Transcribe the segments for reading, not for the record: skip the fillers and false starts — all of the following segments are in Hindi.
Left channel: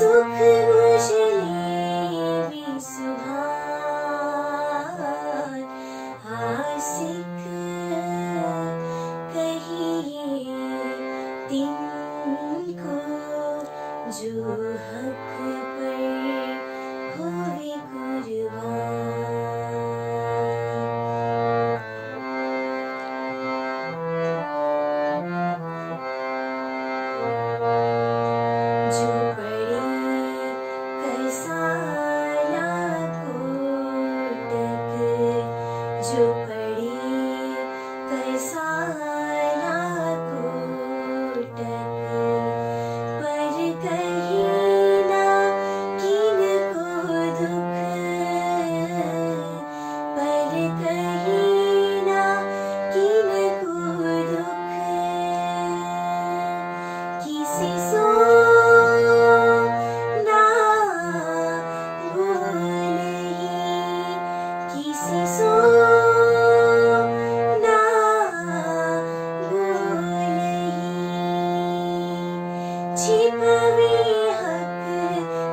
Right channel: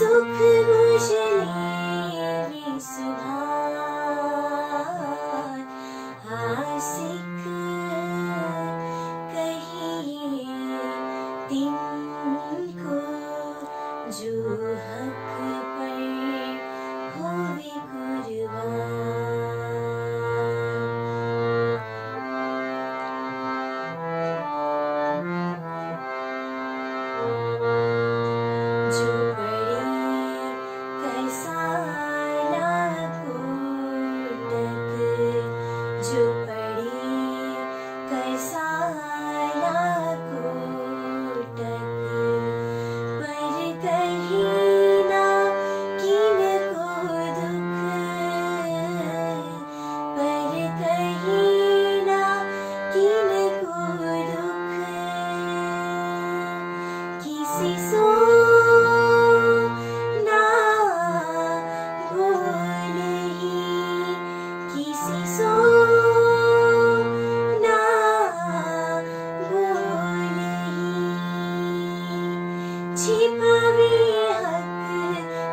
सुख उजले सुभान आसिक कहिए तिनको जो हक पर होवे कुर्बान। जो पड़े करसाला कोटक, जो पड़े करसाला कोटक, पर कहीं ना किनको दुख, पर कहीं ना किनको दुख, किसी सो ना बोलही, किसी सो ना बोलही, छिपावे हक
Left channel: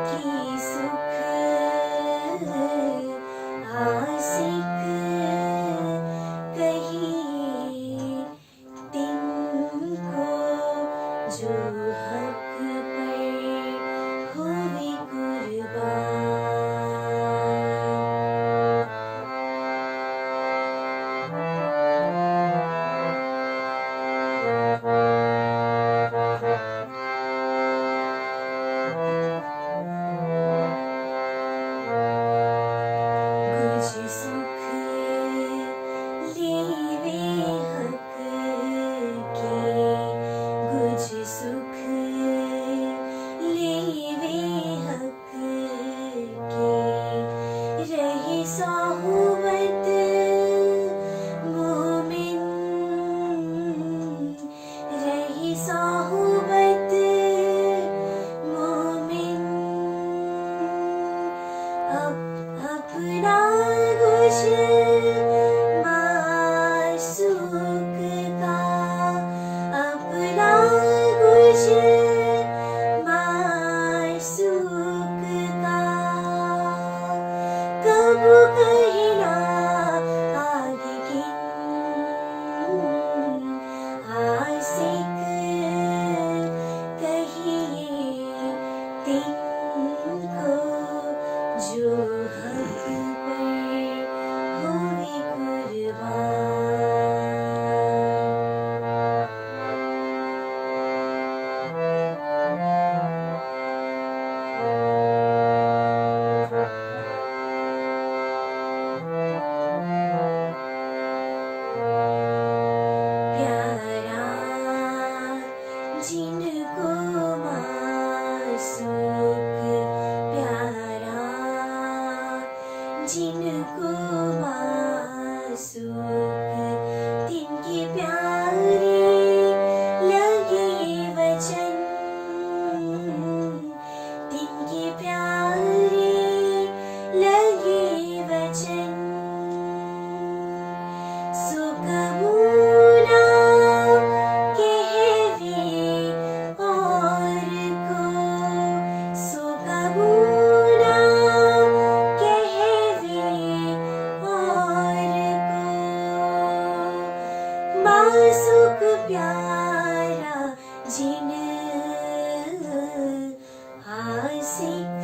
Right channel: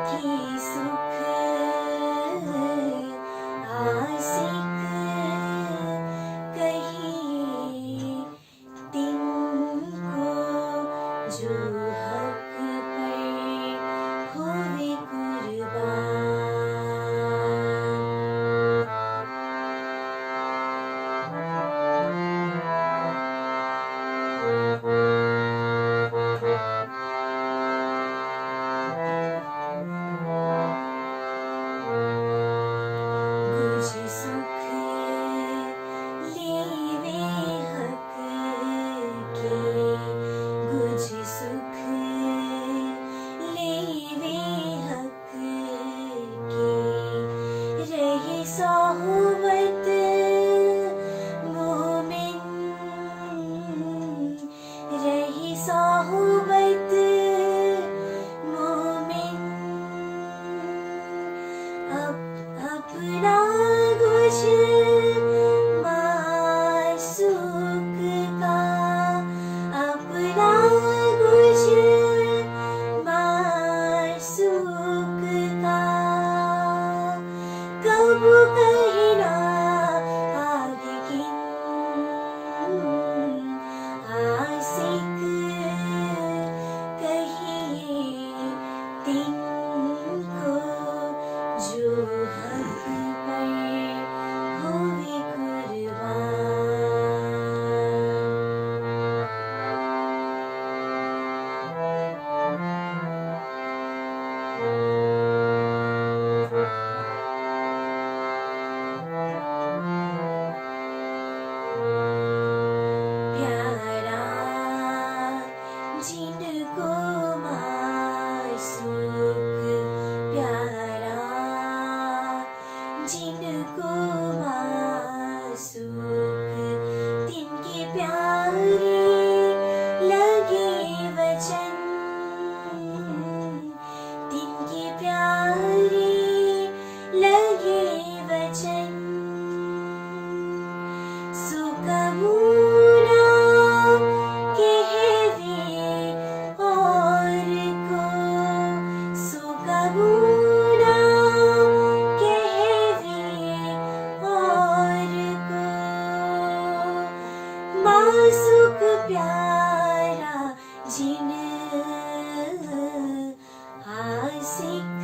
की सुख आसिक कहिए तिनको जो हक पर होवे कुर्बान। गुज सुख लेवे हक के, गुज सुख लेवे हक के, रहे सोहबत मोमिन, रहे सोहबत मोमिन, अपना कुछ मासूक का, अपना कुछ मासूक का, कब कहना आगे किन आसिक कहिए तिनको जो हक पर होवे कुर्बान। प्यारा जिनको मासूक, प्यारा जिनको मासूक, तिनके प्यारे लगे वचन, तिनके प्यारे लगे वचन, सुकमुना कहवे और को, सुकमुना कहवे और को, मासूक प्यारा जिन आसिक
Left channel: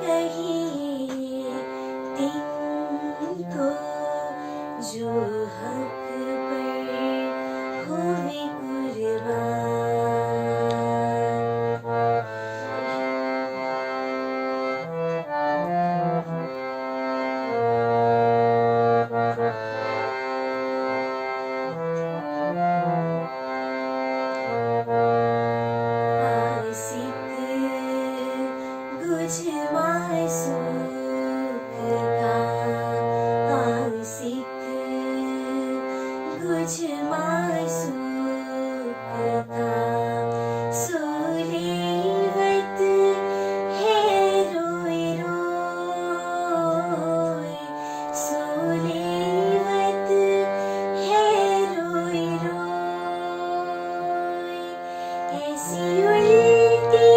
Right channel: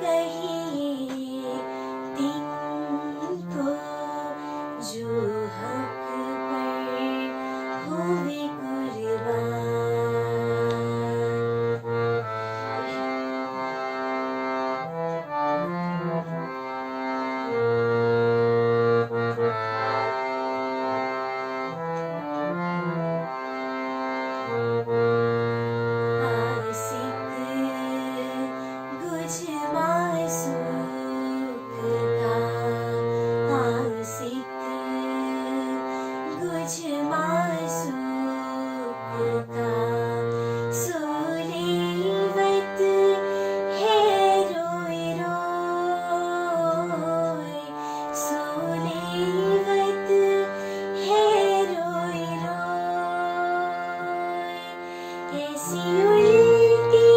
कहिए तिनको जो हक पर होवे आसिक गुज मासूक का, आसिक गुज मासूक का, सोलेवत है रोए रोए, सोलेवत है रोए रोए, ऐसी उल्टी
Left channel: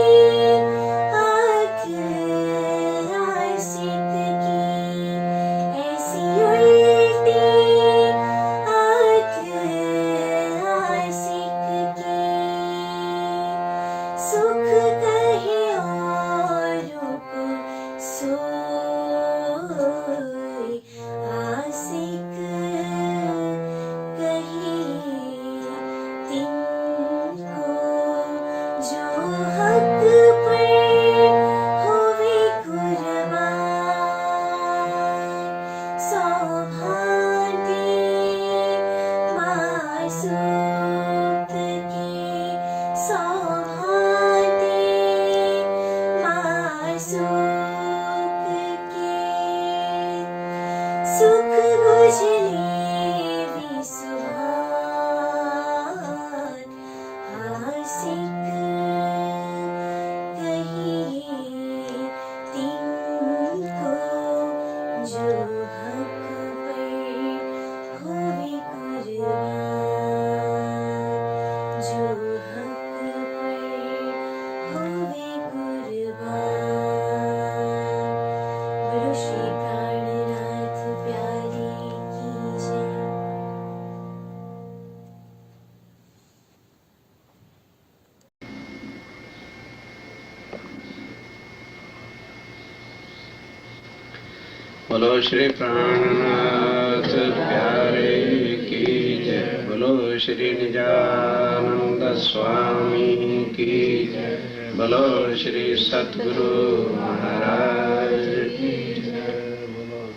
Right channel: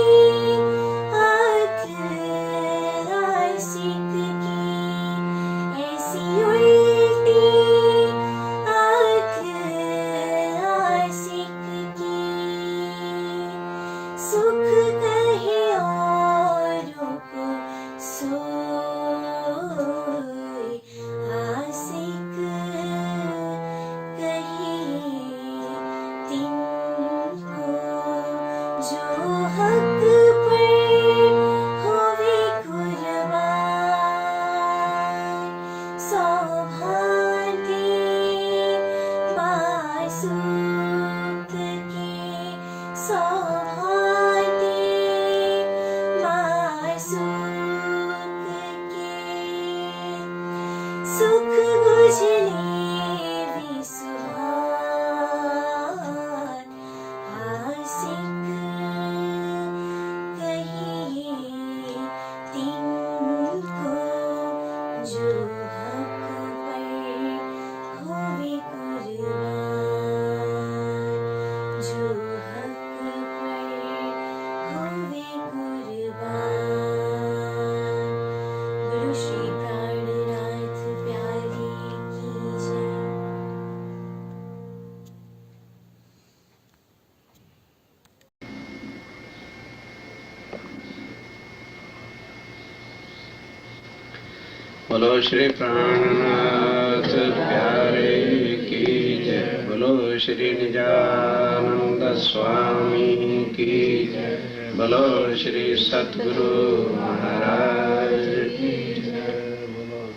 बोलो श्री प्राणनाथ प्यारे की जय। बोलो श्री निजानंद स्वामी की जय। बोलो श्री सतगुरु महाराज की जय।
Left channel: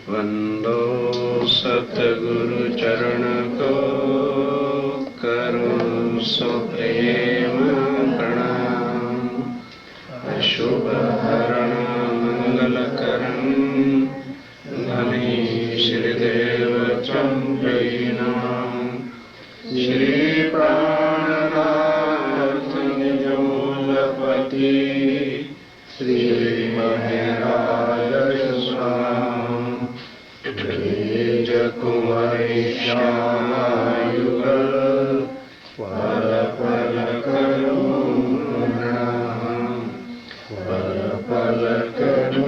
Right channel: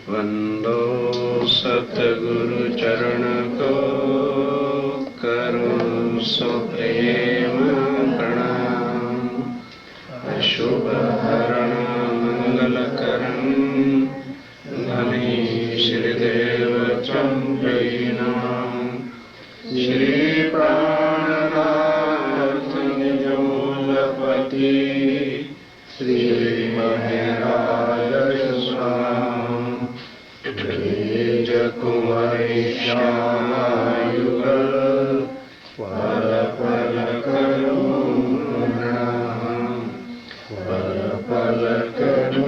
वंदो सतगुरु चरण को करो सो प्रेम प्रणाम। अशुभ हरण मंगल करण धनी श्रीदेव चंद्रनाम। श्री प्राणनाथ निजमूलपति श्री महाराज स्वाम। तेज कुंवरी श्यामायुगल पल पल करो प्रणाम। पल पल करो।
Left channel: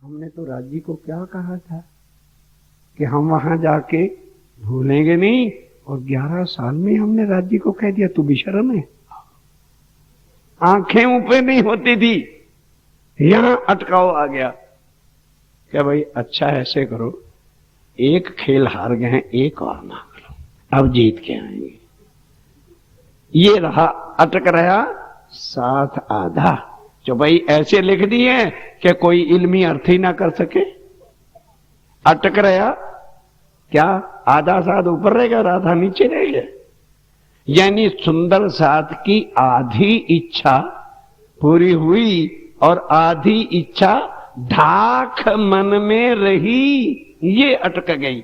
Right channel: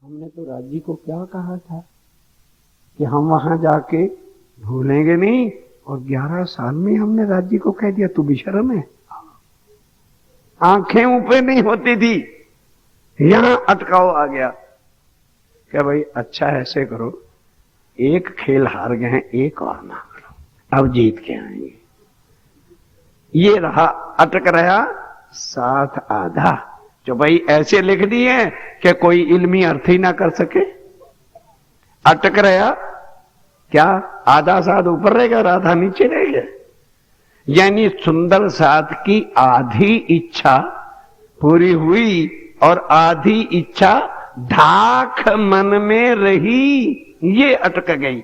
हमने तो राज्य को क्या कहा था कि हम वहां जाके भूलेंगे नहीं, और 11 साल में हमने राज्य को कह दिया तू बेशर्म है। आंखें ऊपर नहीं होती थी, यहां अटकाव आ गया। क्या भाई अच्छा ऐसे करो, एक खेल हार गए हैं, एक और ना करो, अब जीत के आएंगे। ये रहा, अटक रहा 7 आधा। जो भाई ऐसे लिख दिए कि कोई इल्मी अर्थ ही ना कर सके। अटक रहा क्या, आधा साथ ऊपर रहेगा और आधा नीचे रहेगा। यानी सुंदर साथ की आधी इच्छा पूरी हुई और आधी इच्छा ढाक मन में रही, ये अटक गई।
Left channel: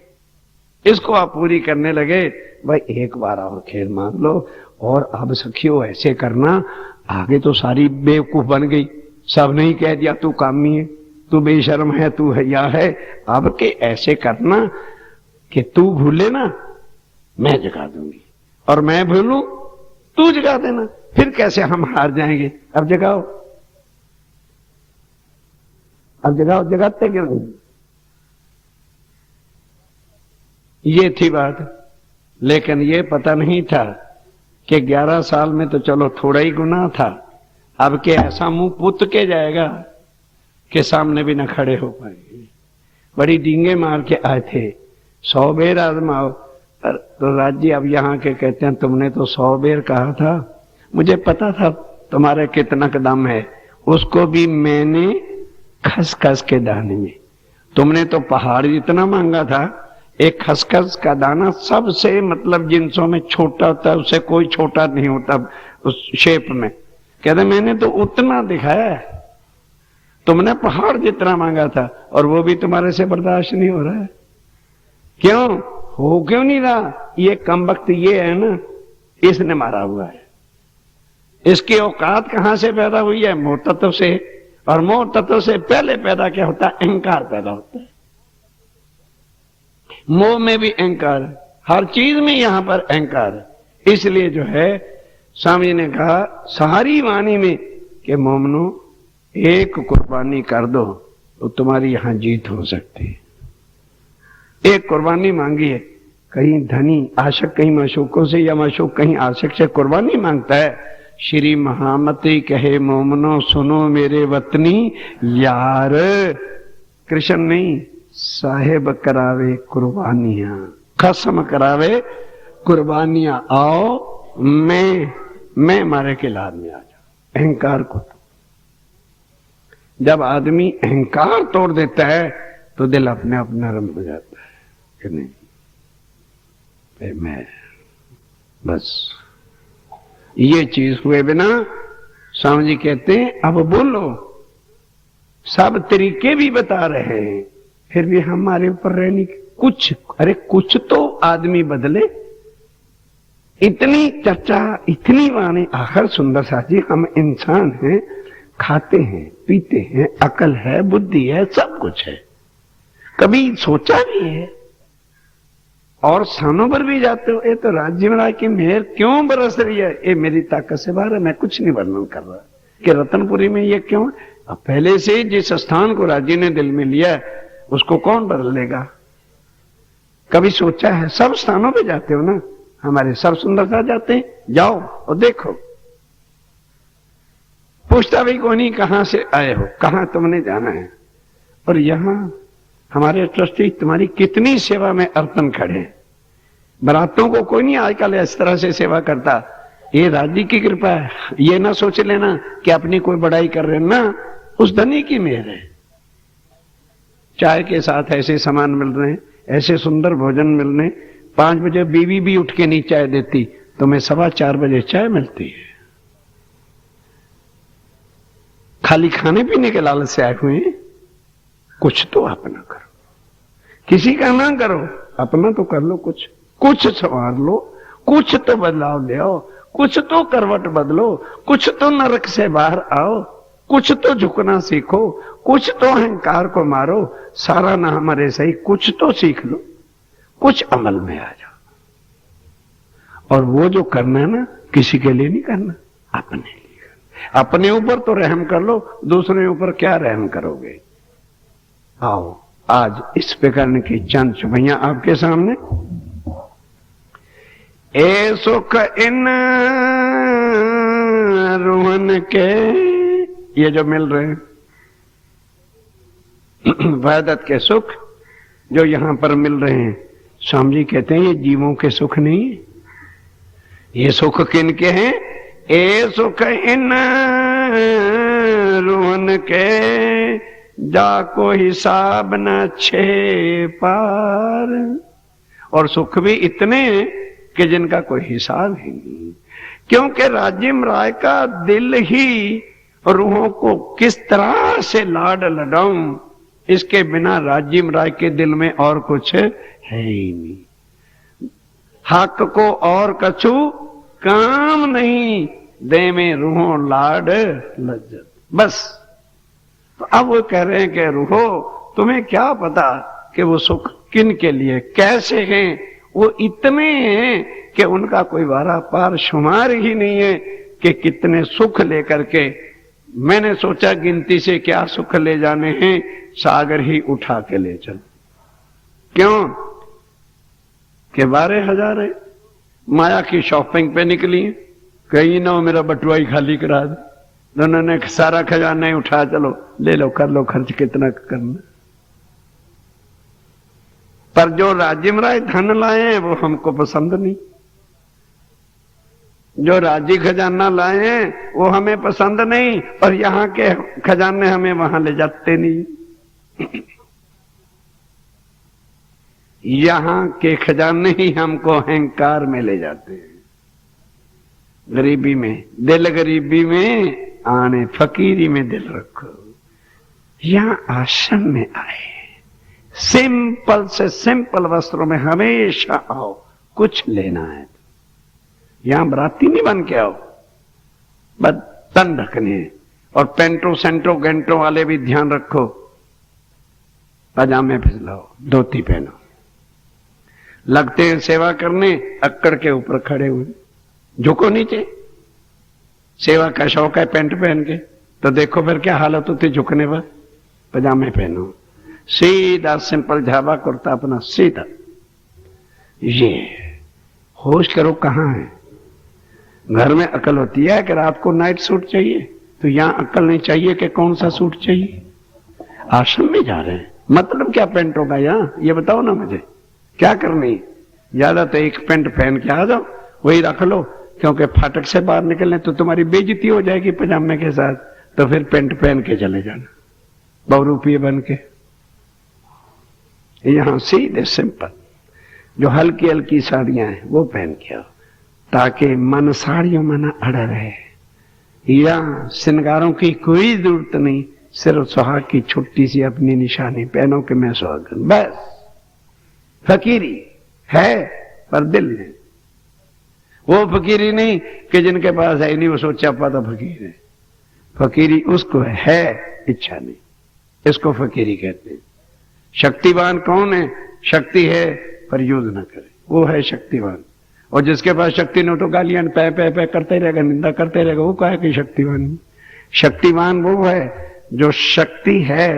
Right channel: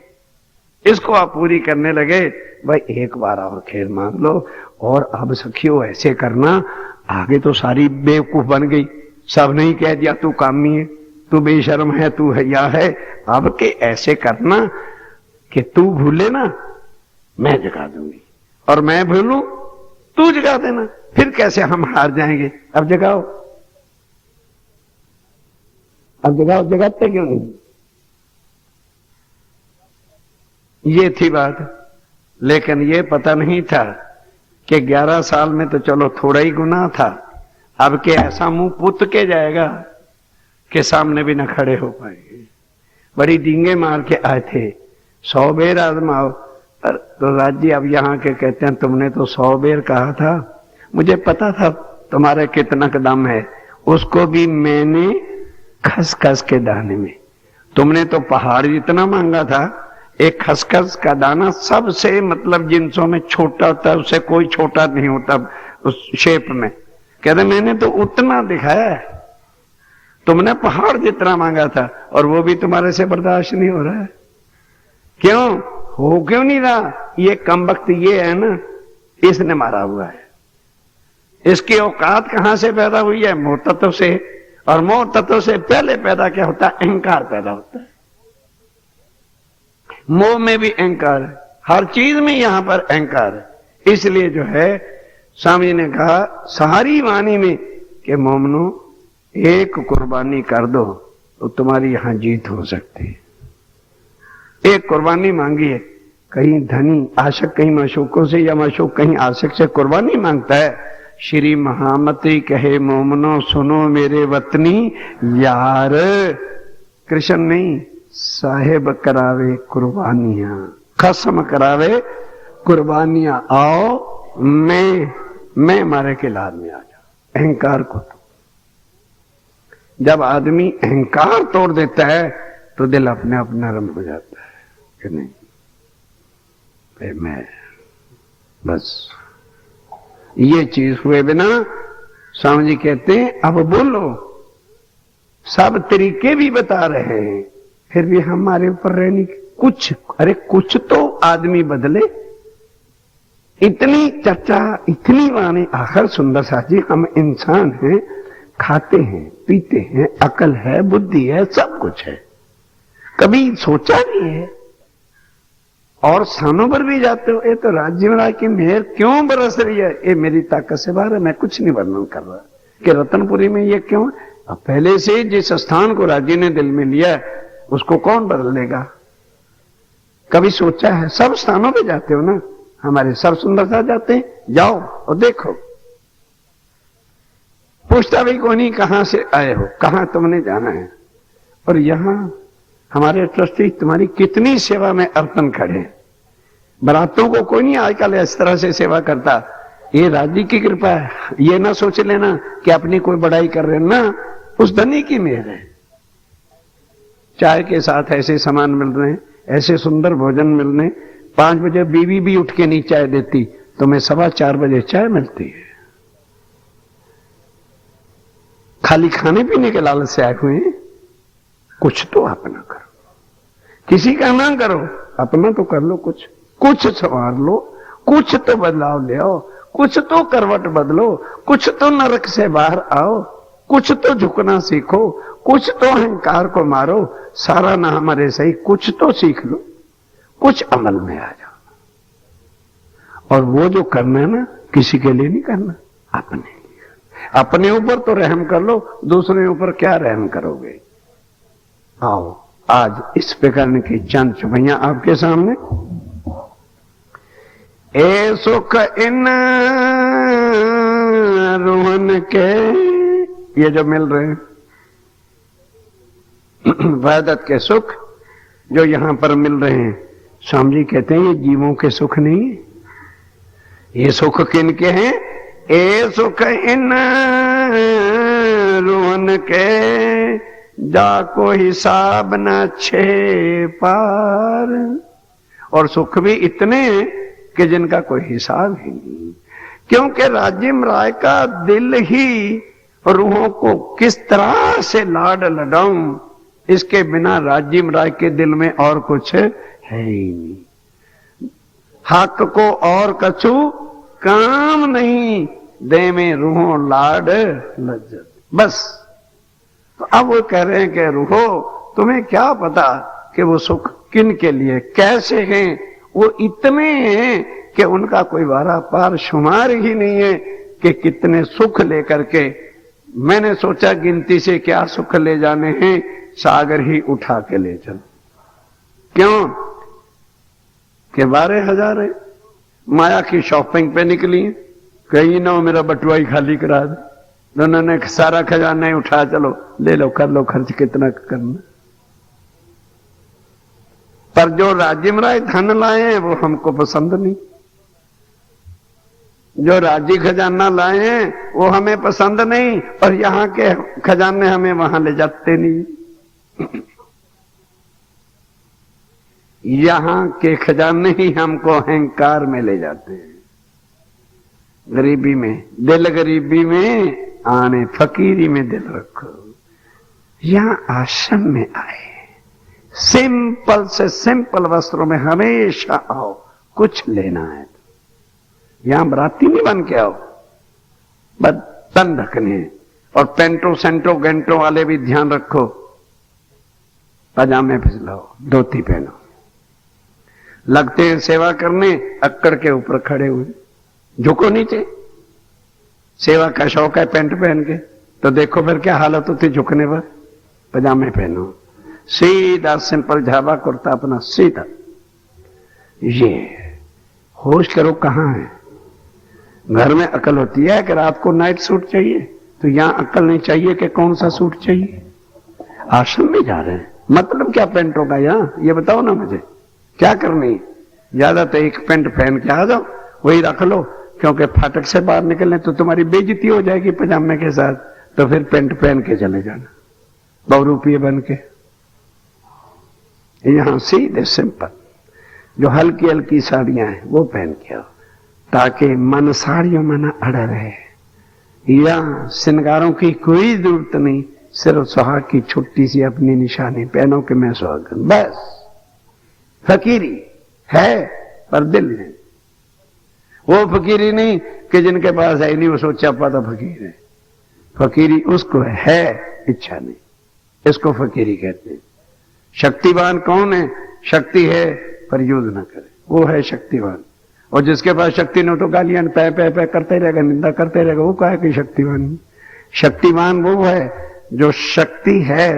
इसको आप पूरी करने लगे। भाई एक बार और खेल मांग लो, और अब सखियो ऐसे करना, आगे तो सारी बेवकूफ बन गई। सब नहीं कह दिया तू कामी है, तू बेशर्म है, तू हया है। अब के ऐसे करना कि तू भूले ना, मैं जगा दूंगी, और मैं भूलूं तू जगा देना। फिर कैसे हम हार जाएंगे। अब जगाओ, अब जगाओ। जगाते क्यों नहीं? ये थी बात। लेकिन ये पता नहीं था कि 11 साल में तो चलो थोड़ा ही गुनाह था, अब के ऐसा मुंह पुत के जाएगा कि सामने भी न खड़े हो पाएंगे। बड़ी डींगे मार के आए थे, 100 बेर आजमाओ। पर तो राज्य अब यहाँ के कहते हैं तुमने तो 100 बेर कहा था, मुझे पता था तुम्हारे कितना दम है। उसको भी मैंने खसखस के दाने में, तुमने तो पहाड़ जितना मांगा था, एक खसखस का दाना सबसे मतलब जिनसों में छोटा होता है, उससे कोई छोटा नहीं होता उस शेप में। कहते मैंने तो उतना दिखाया है, तुमने पहाड़ जितना मांगा था, और वो भी तुम्हारे से बर्दाश्त नहीं हो रहा है। क्यों हो, क्यों नहीं रहा? ये कमबख्त ये है ना, इसने मारा हुआ है। इसकी औकात कहां से पैदा हुई है? मोह तत्व से। और मोह तत्व से पहले पैदा क्या होता है? अहंकार पैदा होता है। मोह में भी अहंकार है, हर चीज में यहां पर अहंकार है। इसलिए जो है स्वामी ने कहा सारी वाणी में कि मोमनो एक कुर्बानी कर दो तो तुम्हारी यहां जीत हो सकती है। एक कुर्बानी मांगी है, कहीं धनी आशक कहीं माशूकों से, या माशूक कहीं आशिक से कुर्बानी मांगता है। श्री महामती कहे मोमनो सुनो मेरे वतनी यार, कृष्ण नहीं साहेब करावे कुर्बानियां, कसम करावे कुर्बानियां। आओ मैं मारे के लाद में आ जाओ। अहंकार को तो जब आदमी अहंकार तोड़ देता है तो दिल अपने आप नरम हो जाता है कि नहीं फिर मैं बस ये चीज हुए बिना। स्वामी जी कहते हैं अब बोलो, सब तरीके भी बता रहे हैं, फिर भी हमारे ऊपर रहने कुछ, अरे कुछ तो आदमी बदले। इतनी चर्चा, इतनी वाणी, आखिर सुंदर साथ जी हम इंसान हैं, खाते हैं पीते हैं, अकल है बुद्धि है सब कुछ है, कभी सोचा नहीं है। और स्थानों पर भी जाते हो, ये तो राज्य में की मेहर क्यों बरस रही है, ये मेरी ताकत से बाहर है। मैं कुछ नहीं वर्णन कर रहा कि रतनपुरी में ये क्यों है। अब पहले से जिस स्थान को राज्य ने दिल में लिया है उसको कौन बदल लेगा? कभी सोचा है? सब स्थानों पे जाते हो ना, हमारे सब सुंदरता जाते हैं, जाओ और देखो। पूछता भी कौन ही कहां से आए हो, कहां तुमने जाना है। और यहां हमारे ट्रस्टी तुम्हारी कितनी सेवा में अर्पण खड़े। बरातों को कोई नहीं आजकल इस तरह से सेवा करता। ये राज्य की कृपा है। ये ना सोच लेना कि अपनी कोई बड़ाई कर रहे ना, उस धनी की मेहर है। चाय के साथ ऐसे सामान मिल रहे हैं, ऐसे सुंदर भोजन मिल रहे हैं। 5 बजे बीवी भी उठ के नहीं चाय देती, तुम्हें 4:15 बजे चाय मिलती है। खाली खाने पीने के लालच से आए हुए हैं। कुछ तो अपना करो, किसी का ना करो, अपना तो कर लो। कुछ संवार लो, कुछ तो बदलाव ले आओ, कुछ तो करवट बदलो, कुछ तो नरक से बाहर आओ, कुछ तो झुकना सीखो, कुछ तो अहंकार को मारो। सारा ना हमारे सही, कुछ तो सीख लो, कुछ अमल में आ जाओ। और वो जो करना है ना, किसी के लिए नहीं करना, अपने लिए। अपने ऊपर तो रहम कर लो, दूसरे ऊपर क्या रहम करोगे। आओ आज इस प्रकार की चंद चुभैया आपके सामने। ए सुख इन रोहन के, ये जो मिल रहे हैं वहदत के सुख जो यहां पर मिल रहे हैं, स्वामी जी कहते हैं ये जीवों के सुख नहीं है। ये सुख किन के हैं? ए सुख इन रोहन के, जाको हिसाब न छे पार। और सुख भी इतने कि जिनका कोई हिसाब ही नहीं। क्योंकि राजिम राय का दिल ही रूहों को किस तरह से लाड लडाऊं, इसके बिना राजिम राय के दिल में और कुछ है ही नहीं। हक को और कछु काम नहीं, दे में रूहों लाड लज्जत। बस तो अब वो कह रहे हैं कि रूहो तुम्हें क्या पता कि वो सुख किन के लिए कैसे हैं। वो इतने हैं कि उनका कोई वारा पार शुमार ही नहीं है कि कितने सुख लेकर के। मैंने सोचा गिनती से क्या सुख ले जाने हैं, सागर ही उठा के ले चलो। क्यों कि 12,000 है, माया की शॉपिंग पे निकली, कहीं ना मेरा बटुआ ही खाली करा दे। उन्होंने सारा खजाना उठा, चलो ले लो, कर लो खर्च कितना करना। पर जो राजिम राय धन लाए हैं वो हमको पसंद नहीं। जो राजी खजाना लाए हैं वो हमें पसंद नहीं, और यहां के खजाने हमें वहां ले जाते नहीं। यहां के खजाने ही हमको अहंकार में ले जाते हैं। गरीबी में दिल, गरीबी में आने, फकीरी में दिल रखो। यहां आश्रम में आए, सिंपल से सिंपल वस्त्रों में हमेशा आओ, कुछ लेना है। यहां बराती नहीं बन के आओ, बस तन ढकने। और पेंटो सेंटो गेंटो वाले भी ध्यान रखो, पजामे फिसलाओ, धोती पहनो। लगते हैं सेवा करने, अक्कड़ के ऊपर खड़े हुए, झुको नीचे। सेवा का शौक है पेंट पहन के, तो देखो फिर क्या हालत होती झुकने पर। पजामे पहनो, सीधा सिंपल झाबा कुर्ता अपना सीधा। ये होश करो कहां है। घर में अकल होती है कि रात को नाइट सूट चाहिए, तो यहां अकल नहीं चाहिए कि कौन सा सूट चाहिए। आश्रम में जा रहे हैं, मतलब क्या पेंटों का यहां, ये बताओ ना मुझे, क्या करनी। ज्यादा तो एक पेंट पहन के आ जाओ, वही रख लो, क्योंकि फाटक से बाहर निकलने तो तुम्हारी बेइज्जती हो जाएगी पजामे के साथ। तो फिर पेंट पहन के चले जाना, बहुरूपीय बन के। यहां सीधे सिंपल जो हल्की हल्की साड़ियां हैं वो पहन के आओ, ताकि मन साड़ियों में न अड़ा रहे। या श्रृंगारों की कोई जरूरत नहीं, सिर्फ सुहाग की छोटी सी अपनी निशानी पहनो कि मैं सुहागन। बस फकीरी है, पर दिल है। वो फकीरी नहीं कि जिनके पास है नहीं वो सोचा पाता फकीर है। फकीरी उसको है इच्छा नहीं, इसको फकीरी कहते हैं। शक्तिवान कौन है? शक्ति है पर यूज ना करे, वो है शक्तिवान। और जिसके पास शक्ति नहीं तो गालियां पै पै पै करते रहेगा, निंदा करते रहेगा, वो कहे कि शक्तिवान। शक्तिवान वो है जो शक्ति है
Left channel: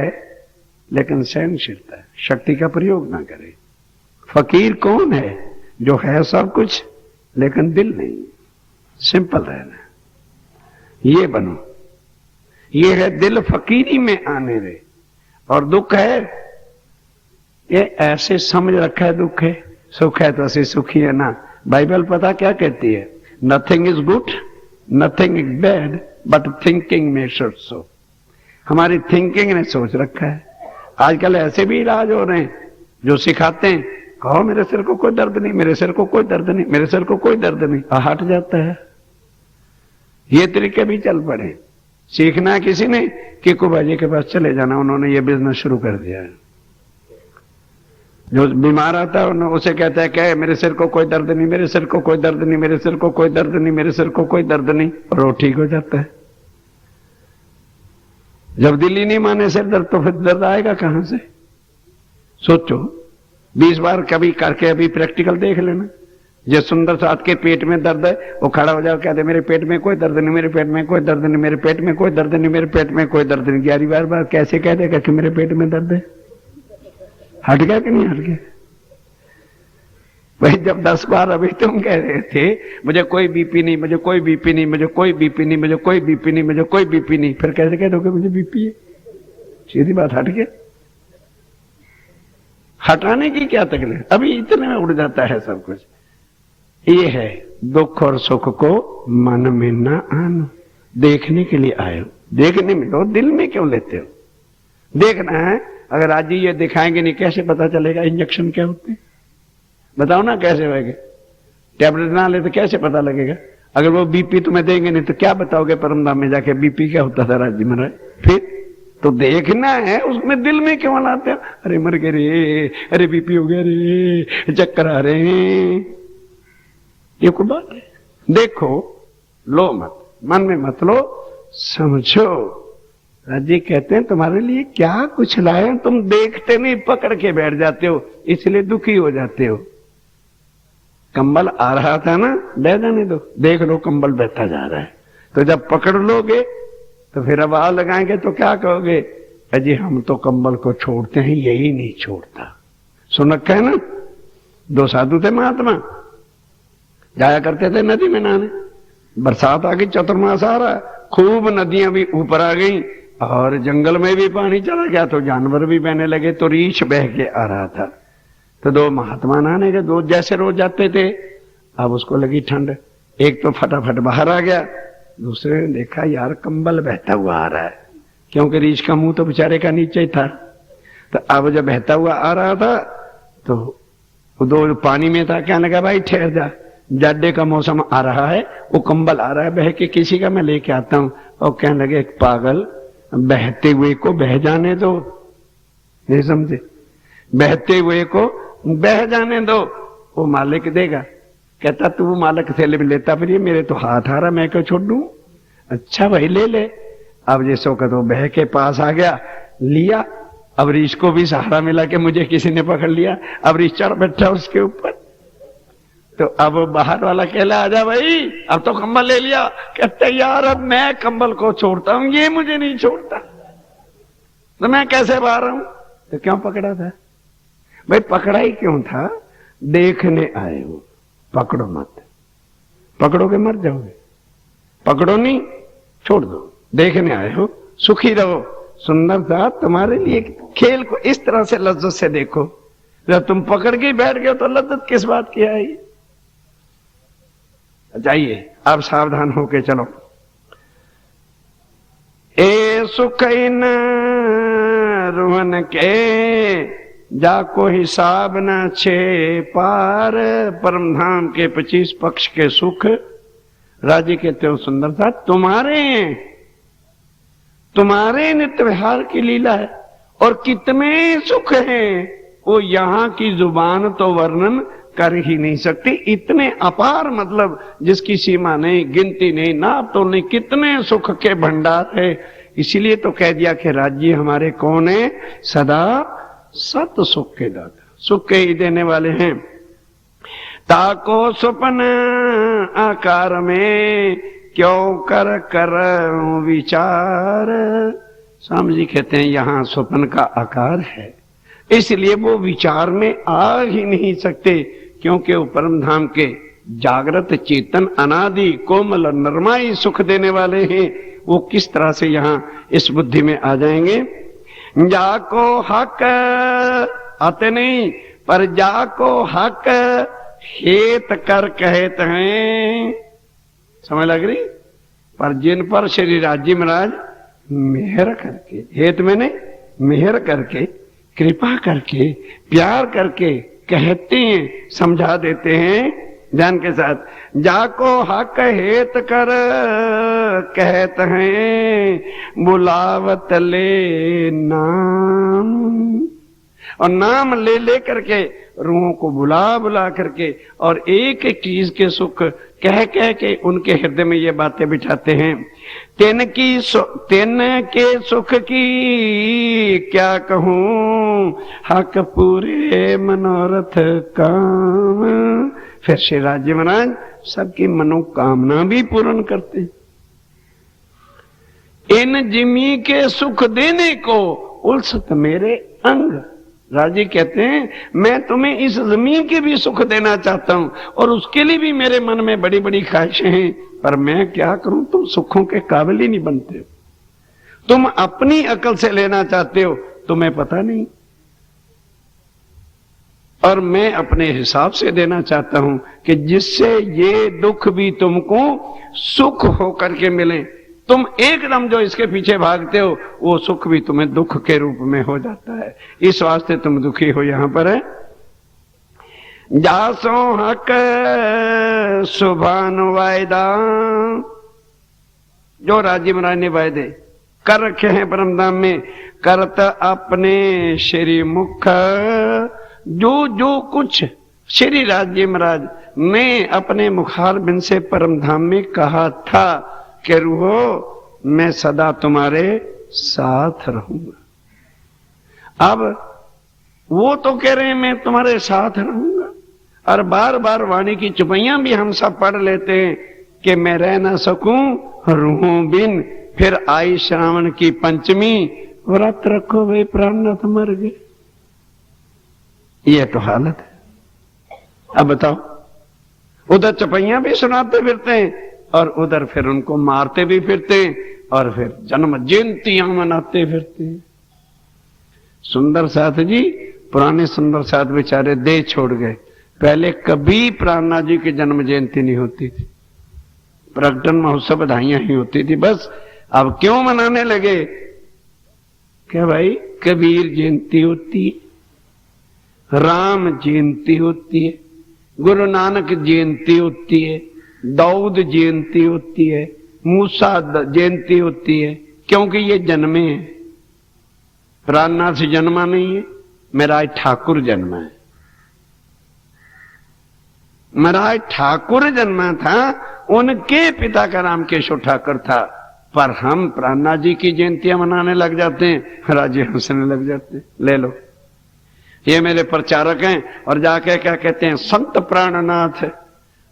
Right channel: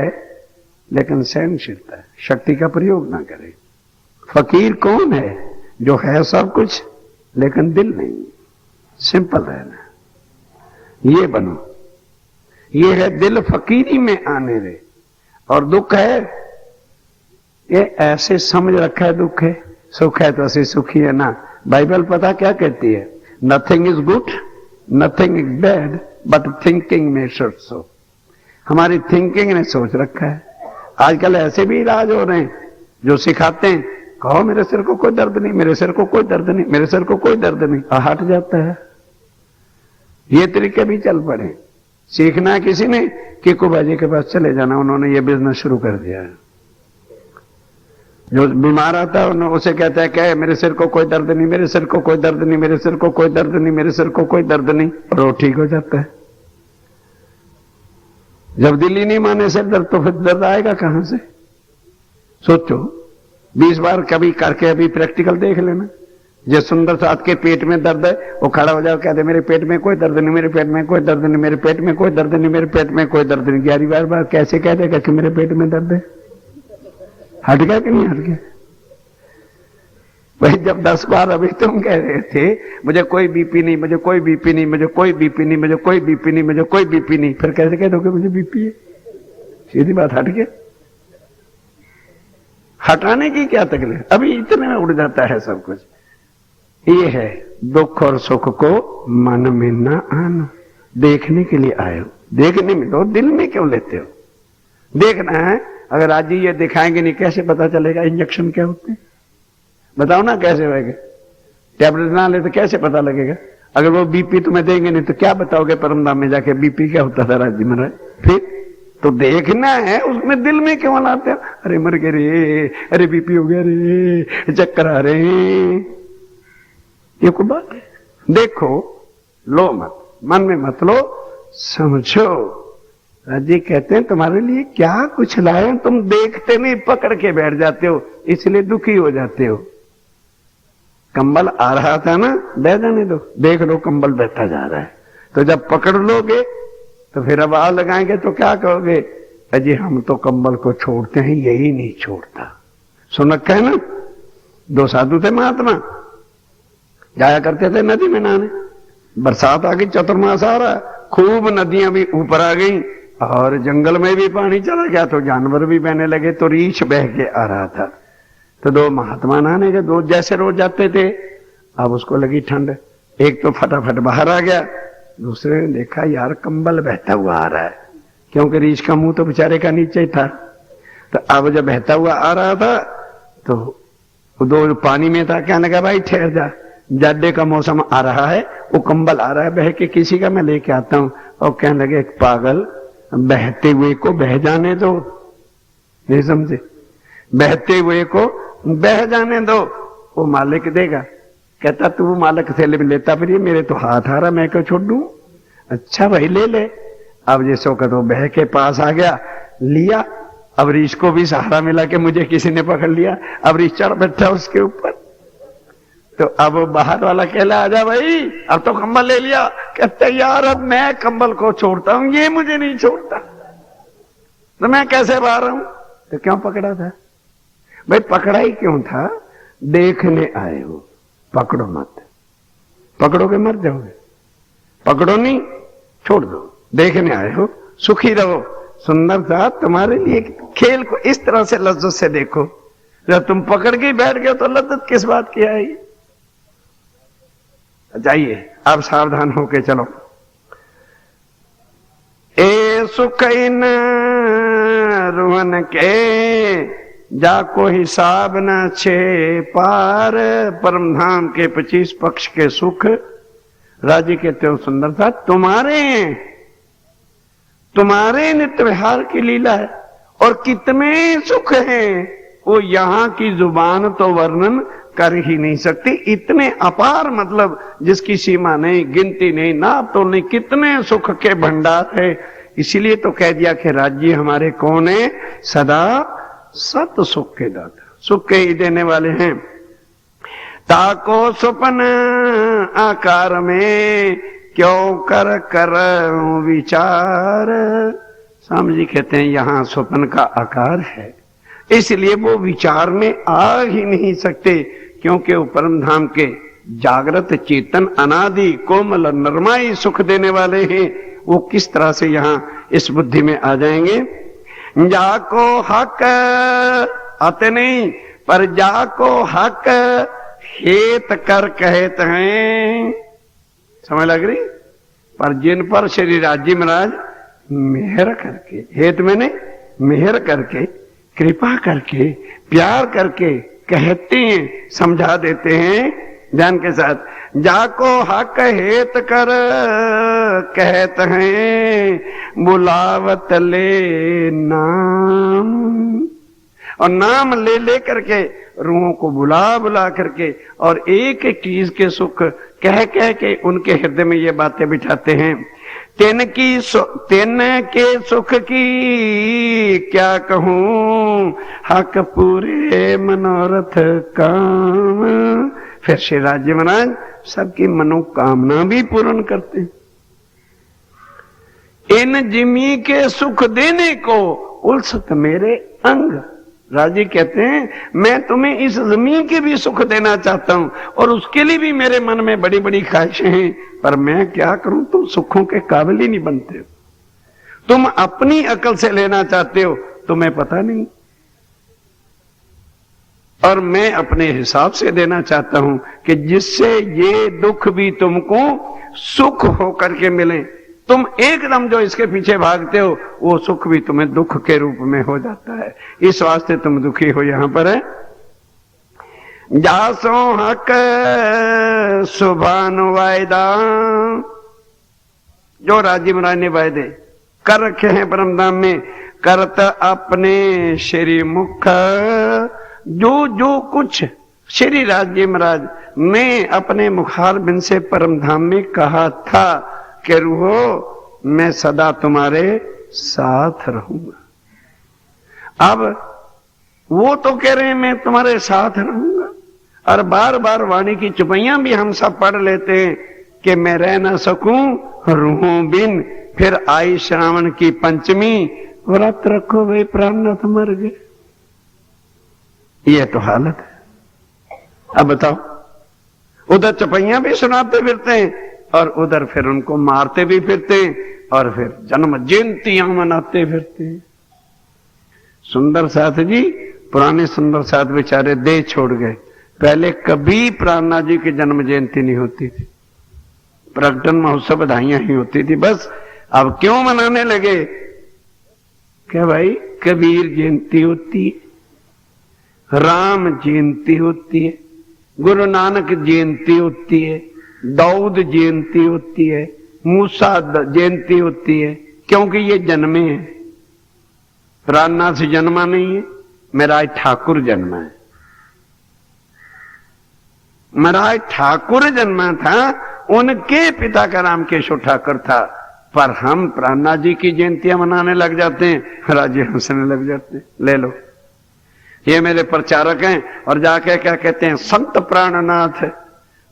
लेकिन सहनशीलता है, शक्ति का प्रयोग ना करे। फकीर कौन है? जो है सब कुछ लेकिन दिल नहीं, सिंपल रहना। ये बनो, ये है दिल फकीरी में आने रे। और दुख है ये ऐसे समझ रखा है दुख है, सुख है तो ऐसे सुखी है ना। बाइबल पता क्या कहती है? Nothing is good, nothing is bad, but thinking में शुड सो। हमारी थिंकिंग ने सोच रखा है। आजकल ऐसे भी इलाज हो रहे हैं जो सिखाते हैं, कहो मेरे सिर को कोई दर्द नहीं, मेरे सिर को कोई दर्द नहीं, मेरे सिर को कोई दर्द नहीं, और हट जाता है। ये तरीके भी चल पड़े। सीखना है किसी ने, किकू बाजी के पास चले जाना, उन्होंने ये बिजनेस शुरू कर दिया है। जो बीमार आता है उसे कहता है क्या, मेरे सिर को कोई दर्द नहीं, मेरे सिर को कोई दर्द नहीं, मेरे सिर को कोई दर्द नहीं, मेरे सिर को कोई दर्द नहीं, और वो ठीक हो जाता है। जब दिल ही नहीं माने सिर दर्द, तो फिर दर्द आएगा कहां से? सोचो, 20 बार कभी करके अभी प्रैक्टिकल देख लेना। जो सुंदर साथ के पेट में दर्द है, वो खड़ा हो जाओ, कहते मेरे पेट में कोई दर्द नहीं, मेरे पेट में कोई दर्द नहीं, मेरे पेट में कोई दर्द नहीं, मेरे पेट में कोई दर्द नहीं। 11 बार कैसे कह देगा कि मेरे पेट में दर्द है? हट गया कि नहीं हट गया? भाई जब 10 बार अभी तुम कह रहे थे मुझे कोई बीपी नहीं, मुझे कोई बीपी नहीं, मुझे कोई बीपी नहीं, मुझे कोई बीपी नहीं, मुझे कोई बीपी नहीं, फिर कैसे कह दोगे मुझे बीपी है? सीधी बात, हट गया। हटाने की क्या तकलीफ? अभी इतने में उड़ जाता है सब कुछ। ये है दुख और सुख को मन में ना आना। देखने के लिए आए हो, देखने में तो दिल में क्यों लेते हो? देखना है। अगर आज ये दिखाएंगे नहीं, कैसे पता चलेगा इंजेक्शन क्या होते हैं? बताओ ना कैसे होगा? टैबलेट ना ले तो कैसे पता लगेगा? अगर वो बीपी तुम्हें देंगे नहीं तो क्या बताओगे परमधाम में जाके बीपी क्या होता था राज्य में? फिर तो देखना है, उसमें दिल में क्यों लाते हो? अरे मर गए रे, अरे बीपी हो गया रे, चक्कर आ रहे हैं, ये कोई बात है? देखो, लो मत, मन में मत लो, समझो। जी कहते हैं तुम्हारे लिए क्या कुछ लाए, तुम देखते नहीं, पकड़ के बैठ जाते हो, इसलिए दुखी हो जाते हो। कंबल आ रहा था ना, ले जाने दो, देख लो कंबल बैठा जा रहा है। तो जब पकड़ लोगे तो फिर अब आग लगाएंगे तो क्या कहोगे? अजी हम तो कंबल को छोड़ते हैं, यही नहीं छोड़ता। सुन रखा है ना? 2 साधु थे महात्मा, जाया करते थे नदी में नहाने। बरसात आ गई, चतुर्मास आ रहा, खूब नदियां भी ऊपर आ गई और जंगल में भी पानी चला गया, तो जानवर भी बहने लगे, तो रीछ बह के आ रहा था। तो 2 महात्मा नहाने के, 2 जैसे रोज जाते थे। अब उसको लगी ठंड, एक तो फटाफट बाहर आ गया, दूसरे ने देखा यार कंबल बहता हुआ आ रहा है, क्योंकि रीछ का मुंह तो बेचारे का नीचे ही था। तो अब जब बहता हुआ आ रहा था तो 2 पानी में था, क्या लगा भाई ठहर जा, जाड़े का मौसम आ रहा है, वो कंबल आ रहा है बह के, किसी का मैं लेके आता हूं। और कहने लगे एक पागल, बहते हुए को बह जाने दो, नहीं समझे? बहते हुए को बह जाने दो, वो मालिक देगा। कहता तू मालिक से लेता, फिर ये मेरे तो हाथ आ रहा, मैं क्यों छोड़ दूं? अच्छा भाई ले ले। अब जैसो का तो बह के पास आ गया, लिया। अब रीछ को भी सहारा मिला कि मुझे किसी ने पकड़ लिया। अब रीछ चढ़ बैठा उसके ऊपर। तो अब बाहर वाला कहला आजा भाई, अब तो कंबल ले लिया। कहते यार अब मैं कंबल को छोड़ता हूं, ये मुझे नहीं छोड़ता, तो मैं कैसे बाहर हूं? तो क्यों पकड़ा था भाई? पकड़ा ही क्यों था? देखने आए हो, पकड़ो मत। पकड़ोगे मर जाओगे, पकड़ो नहीं, छोड़ दो। देखने आए हो, सुखी रहो। सुंदर था तुम्हारे लिए खेल को इस तरह से लज्जत से देखो। जब तुम पकड़ के बैठ गए तो लज्जत किस बात की आई? जाइए अब सावधान होके चलो। ए सुख न रुहन के, जाको हिसाब न छे पार। परम धाम के 25 पक्ष के सुख राजी कहते हो सुंदर था तुम्हारे नित्य विहार की लीला है। और कितने सुख हैं वो यहां की जुबान तो वर्णन कर ही नहीं सकती। इतने अपार, मतलब जिसकी सीमा नहीं, गिनती नहीं, नाप तो नहीं, कितने सुख के भंडार है। इसीलिए तो कह दिया कि राज्य हमारे कौन है? सदा सत सुख के दाता, सुख के ही देने वाले हैं। ताको सुपन आकार में, क्यों कर कर विचार। स्वामी जी कहते हैं यहां स्वप्न का आकार है, इसलिए वो विचार में आ ही नहीं सकते, क्योंकि वो परम धाम के जागृत चेतन अनादि कोमल नरमाई सुख देने वाले हैं। वो किस तरह से यहाँ इस बुद्धि में आ जाएंगे। जाको हक आते नहीं, पर जाको हक हेत कर कहते हैं, समझ लग रही। पर जिन पर श्री राजी महाराज मेहर करके, हेत मैंने मेहर करके, कृपा करके, प्यार करके कहते हैं, समझा देते हैं ध्यान के साथ। जाको हक हेत कर कहते हैं, बुलावत ले नाम, और नाम ले ले करके रूहों को बुला बुला करके और एक एक चीज के सुख कह कह के उनके हृदय में ये बातें बिठाते हैं। तेन के सुख की क्या कहूं, हक पूरे मनोरथ काम। फिर श्री राजी महाराज सबकी मनोकामना भी पूर्ण करते हैं। इन जिमी के सुख देने को उल्सत मेरे अंग। राजी कहते हैं मैं तुम्हें इस जमीन के भी सुख देना चाहता हूं और उसके लिए भी मेरे मन में बड़ी बड़ी ख्वाहिशें हैं, पर मैं क्या करूं, तुम सुखों के काबिल ही नहीं बनते हो। तुम अपनी अकल से लेना चाहते हो, तुम्हें पता नहीं, और मैं अपने हिसाब से देना चाहता हूं कि जिससे ये दुख भी तुमको सुख होकर के मिले। तुम एकदम जो इसके पीछे भागते हो वो सुख भी तुम्हें दुख के रूप में हो जाता है, इस वास्ते तुम दुखी हो। यहां पर है जासो हक सुभान वायदा, जो राजी महाराज ने वायदे कर रखे हैं परमधाम में, करत अपने श्री मुख। जो जो कुछ श्री राजी महाराज ने अपने मुखार बिन से परमधाम में कहा था कि रूहो मैं सदा तुम्हारे साथ रहूंगा। अब वो तो कह रहे हैं मैं तुम्हारे साथ रहूंगा, और बार बार वाणी की चुपैयां भी हम सब पढ़ लेते हैं कि मैं रह ना सकूं रूहों बिन। फिर आई श्रावण की पंचमी, व्रत रखो वे प्राणनाथ मर गए। ये तो हालत है। अब बताओ, उधर चुपैयां भी सुनाते फिरते हैं और उधर फिर उनको मारते भी फिरते और फिर जन्म जयंतियां मनाते फिरते। सुंदर साथ जी, पुराने सुंदर साथ बेचारे देह छोड़ गए। पहले कभी प्राणनाथ जी की जन्म जयंती नहीं होती थी, प्रकटन महोत्सव बधाइयां ही होती थी बस। अब क्यों मनाने लगे? क्या भाई, कबीर जयंती होती है, राम जयंती होती है, गुरु नानक जयंती होती है, दाऊद जयंती होती है, मूसा जयंती होती है, क्योंकि ये जन्मे हैं। प्राणनाथ से जन्मा नहीं है, मेरा ठाकुर जन्मा है। मेरा ठाकुर जन्मा था, उनके पिता का नाम केशव ठाकुर था, पर हम प्राणनाथ जी की जयंतियां मनाने लग जाते हैं, राज्य हंसने लग जाते हैं। ले लो, ये मेरे प्रचारक हैं और जाके क्या कहते हैं, संत प्राणनाथ है।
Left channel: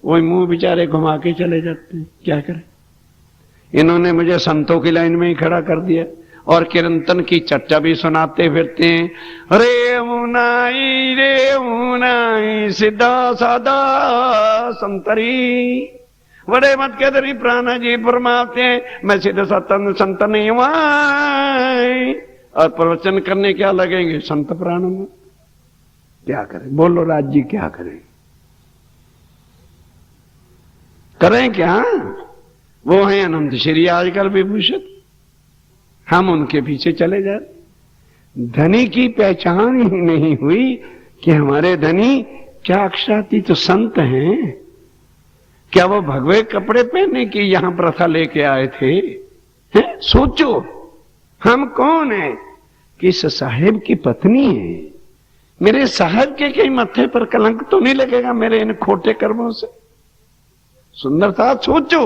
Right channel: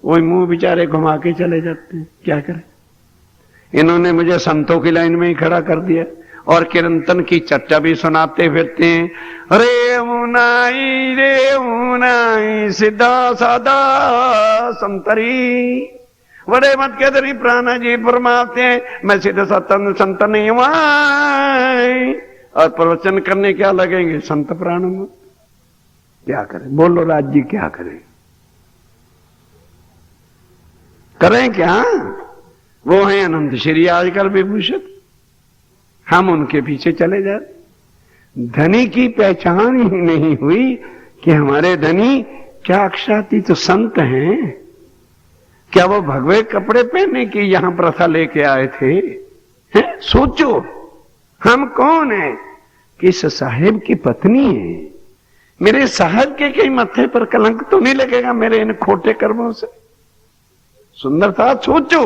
वही मुंह बेचारे घुमा के चले जाते हैं, क्या करें। इन्होंने मुझे संतों की लाइन में ही खड़ा कर दिया और कीर्तन की चर्चा भी सुनाते फिरते हैं। रे उनाई सीधा साधा संतरी, बड़े मत के दरी प्राणा जी फरमाते हैं मैं सीधे सतन संत नहीं हुआ, और प्रवचन करने क्या लगेंगे संत प्राण में। क्या करें, बोलो राज जी, क्या करें, करें क्या? वो है अनंत श्री आजकल विभूषित, हम उनके पीछे चले जाते। धनी की पहचान ही नहीं हुई कि हमारे धनी क्या अक्षरातीत संत हैं। क्या वो भगवे कपड़े पहनने की यहां प्रथा लेके आए थे? सोचो, हम कौन है? किस साहेब की पत्नी है। मेरे साहब के कहीं मत्थे पर कलंक तो नहीं लगेगा मेरे इन खोटे कर्मों से? सुंदर था, सोचो,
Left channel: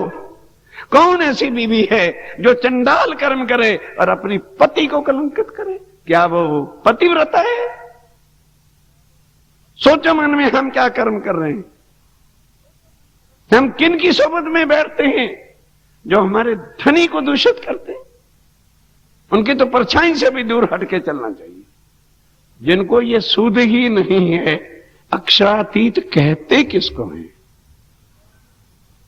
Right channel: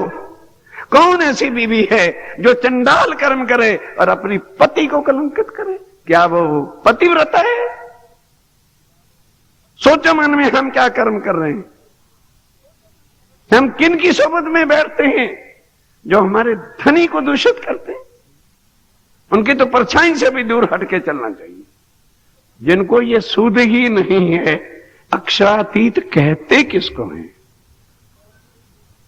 कौन ऐसी बीवी है जो चंडाल कर्म करे और अपनी पति को कलंकित करे? क्या वो पतिव्रता है? सोचो मन में, हम क्या कर्म कर रहे हैं? हम किन की सोबत में बैठते हैं जो हमारे धनी को दूषित करते हैं? उनकी तो परछाई से भी दूर हटके चलना चाहिए। जिनको ये सूद ही नहीं है, अक्षरातीत कहते किसको है?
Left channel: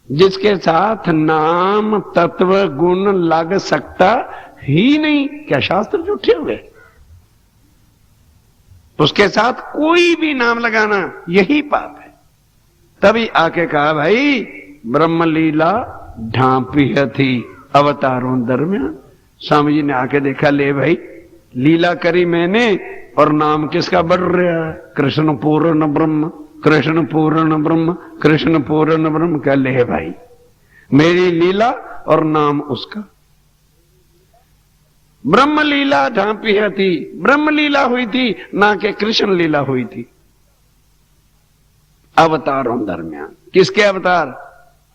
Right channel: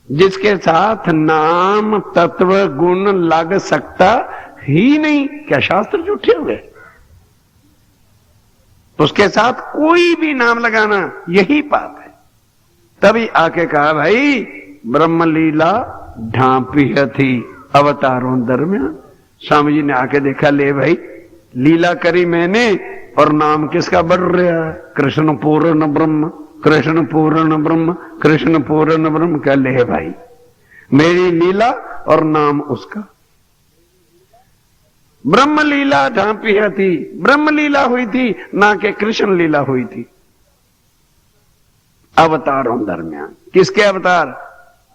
जिसके साथ नाम तत्व गुण लग सकता ही नहीं, क्या शास्त्र झूठे हो गए? उसके साथ कोई भी नाम लगाना यही पाप है। तभी आके कहा, भाई ब्रह्म लीला ढांपी थी अवतारों दरमियान। स्वामी जी ने आके देखा, ले भाई लीला करी मैंने और नाम किसका बढ़ रहा है? कृष्ण पूर्ण ब्रह्म, कृष्ण पूर्ण ब्रह्म, कृष्ण पूर्ण ब्रह्म। क्या ले भाई, मेरी लीला और नाम उसका। ब्रह्म लीला ढांपी थी, ब्रह्म लीला हुई थी, ना कि कृष्ण लीला हुई थी अवतारों दरमियान। किसके अवतार?